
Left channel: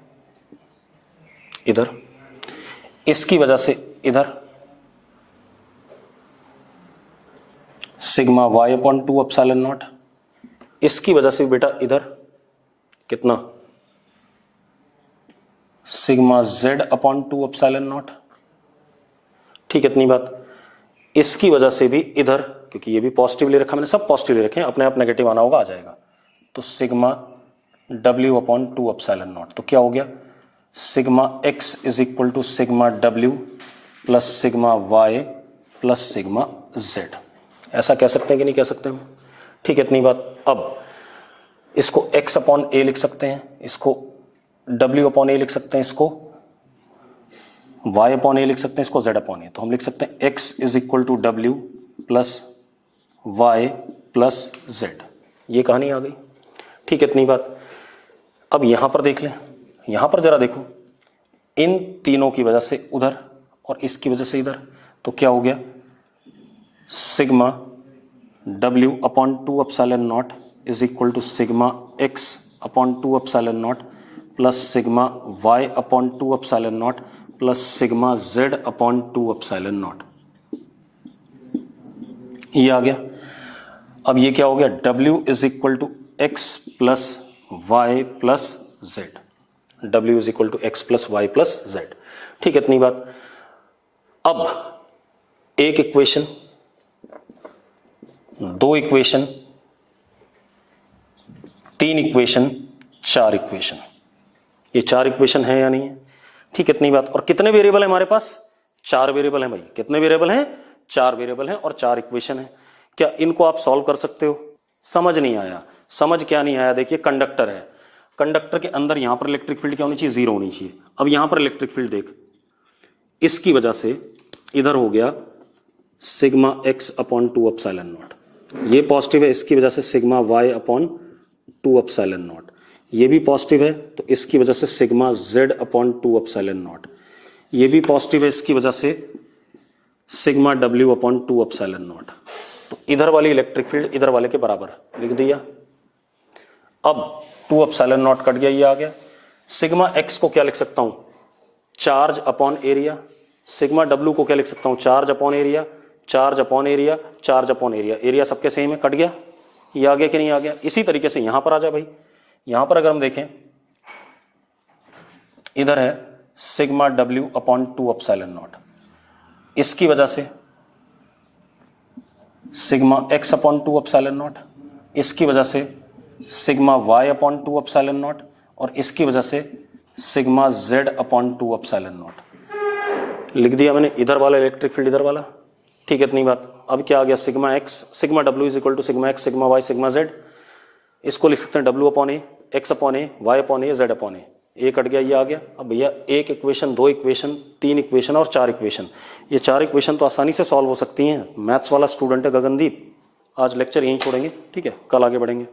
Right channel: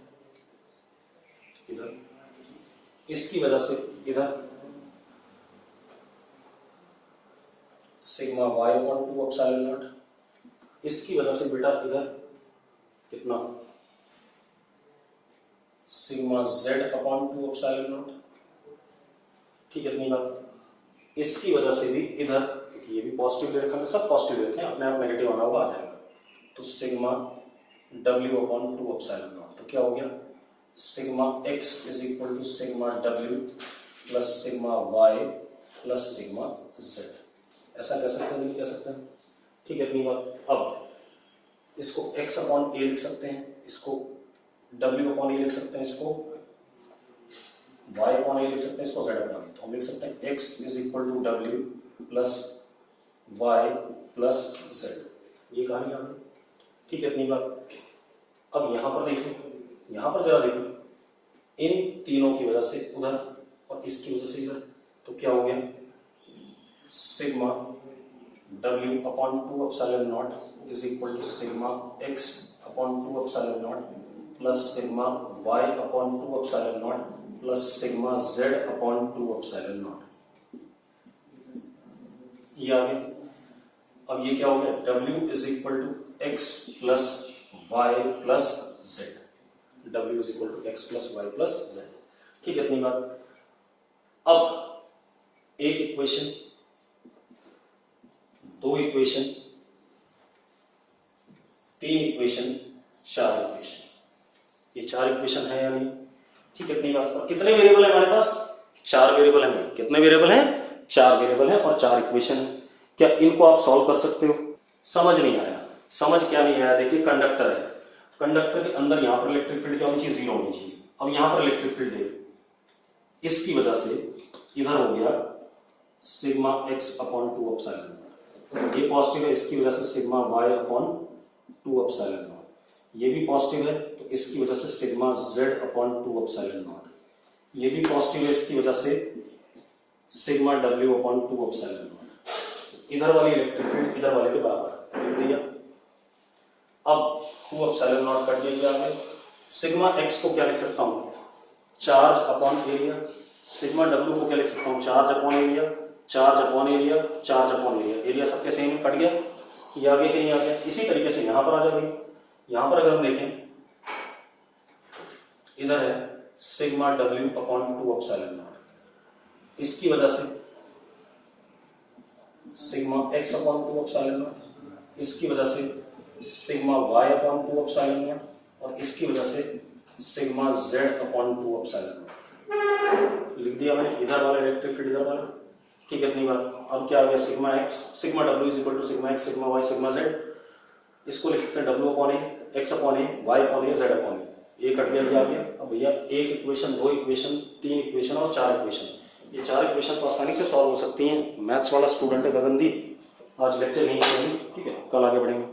इधर, इसकी वजह से इधर sigma Y upon 2 epsilon naught, इसकी वजह से बेटा इधर कितना sigma Z upon 2 epsilon not, ठीक है, इतनी बात। इसकी वजह से भी इधर, क्योंकि ये भी पॉजिटिव ले रखा मैंने, सब पॉजिटिव ले रखे हैं, अपने आप नेगेटिव आना होगा, आ जाएगा, तो sigma W upon 2 epsilon naught, तो क्या हो गया sigma X is equal to sigma W plus sigma Y plus sigma Z। ऐसा कह सकते हैं कि नहीं कह सकते हम, ठीक है, इतनी बात। अब इसको X अपॉन A लिख सकते हैं, इसको W अपॉन A लिख सकते हैं, इसको y अपॉन ए लिख सकते हैं इसको z अपॉन ए, तो हम लिख सकते हैं x is equal to w plus y plus z। ये कहानी आ गई, ठीक है, इतनी बात। अब यहां पर देख लें, यहां पर जरा देखो, इन तीनों की वजह से उधर और इसकी वजह से इधर, तो क्या हो गया, sigma w upon 2 epsilon not is equal to sigma x upon 2 epsilon naught plus sigma y upon 2 epsilon naught plus sigma z upon 2 epsilon not. ये आ गया। अब ये क्या हो गया, w is equal to x plus Y plus Z, w is equal to X plus Y plus Z, ठीक है, इतनी बात। अब एक इक्वेशन, दो इक्वेशन, तीन इक्वेशन, चार इक्वेशन, ये चार इक्वेशन है या नहीं है, ठीक है, इतनी बात। और कितने वेरिएबल है हमारे पास, चार वेरिएबल है भाई, कितने वेरिएबल हैं, चार वेरिएबल है और चार इक्वेशन है। क्या इनको आप सॉल्व कर सकते हो? समझ नहीं आया, समझ क्या नहीं आया, देखिए कंडक्टर है, कंडक्टर के अंदर यहां पर इलेक्ट्रिक फील्ड क्या होनी चाहिए, जीरो होनी चाहिए। अब यहां पर इलेक्ट्रिक फील्ड देख, इसकी वजह से इधर हो गया sigma X upon 2 epsilon not, ये पॉजिटिव है, इसकी वजह से sigma Y upon 2 epsilon not, ये भी पॉजिटिव है, तो इसकी वजह से sigma Z upon 2 epsilon not, ये भी पॉजिटिव है, इसकी वजह से sigma W upon 2 epsilon naught. तो इधर वाली इलेक्ट्रिक फील्ड इधर वाले के बराबर लिख दिया। अब 2 एप्सिलॉन नॉट कट गया, ये आ गया। सिग्मा एक्स को क्या लिख सकता हूं, charge upon area. Sigma W को क्या लिख सकता हूं, charge upon area, charge upon area, charge upon area, area सबके सेम है, कट गया, ये आ गया कि नहीं आ गया। इसी तरीके से यहां पर आ जा भाई, यहां पर अगर हम देखें, इधर है sigma W upon 2 epsilon naught, इसकी वजह से sigma X upon 2 epsilon naught, इसकी वजह से sigma Y upon 2 epsilon naught, और इसकी वजह से sigma Z upon 2 epsilon naught. लिख दिया मैंने, इधर वाला इलेक्ट्रिक फील्ड इधर वाला, ठीक है, इतनी बात। अब क्या आ गया, sigma X, sigma W is equal to sigma X, sigma Y, sigma Z, इसको लिख सकते हैं W upon A, X upon A, Y upon A, Z upon A cut गया, ये आ गया। अब भैया एक इक्वेशन, दो इक्वेशन, तीन इक्वेशन और चार इक्वेशन, ये चार इक्वेशन तो आसानी से सॉल्व हो सकती हैं। मैथ्स वाला स्टूडेंट है गगनदीप, आज लेक्चर यहीं छोड़ेंगे, ठीक है, कल आगे बढ़ेंगे।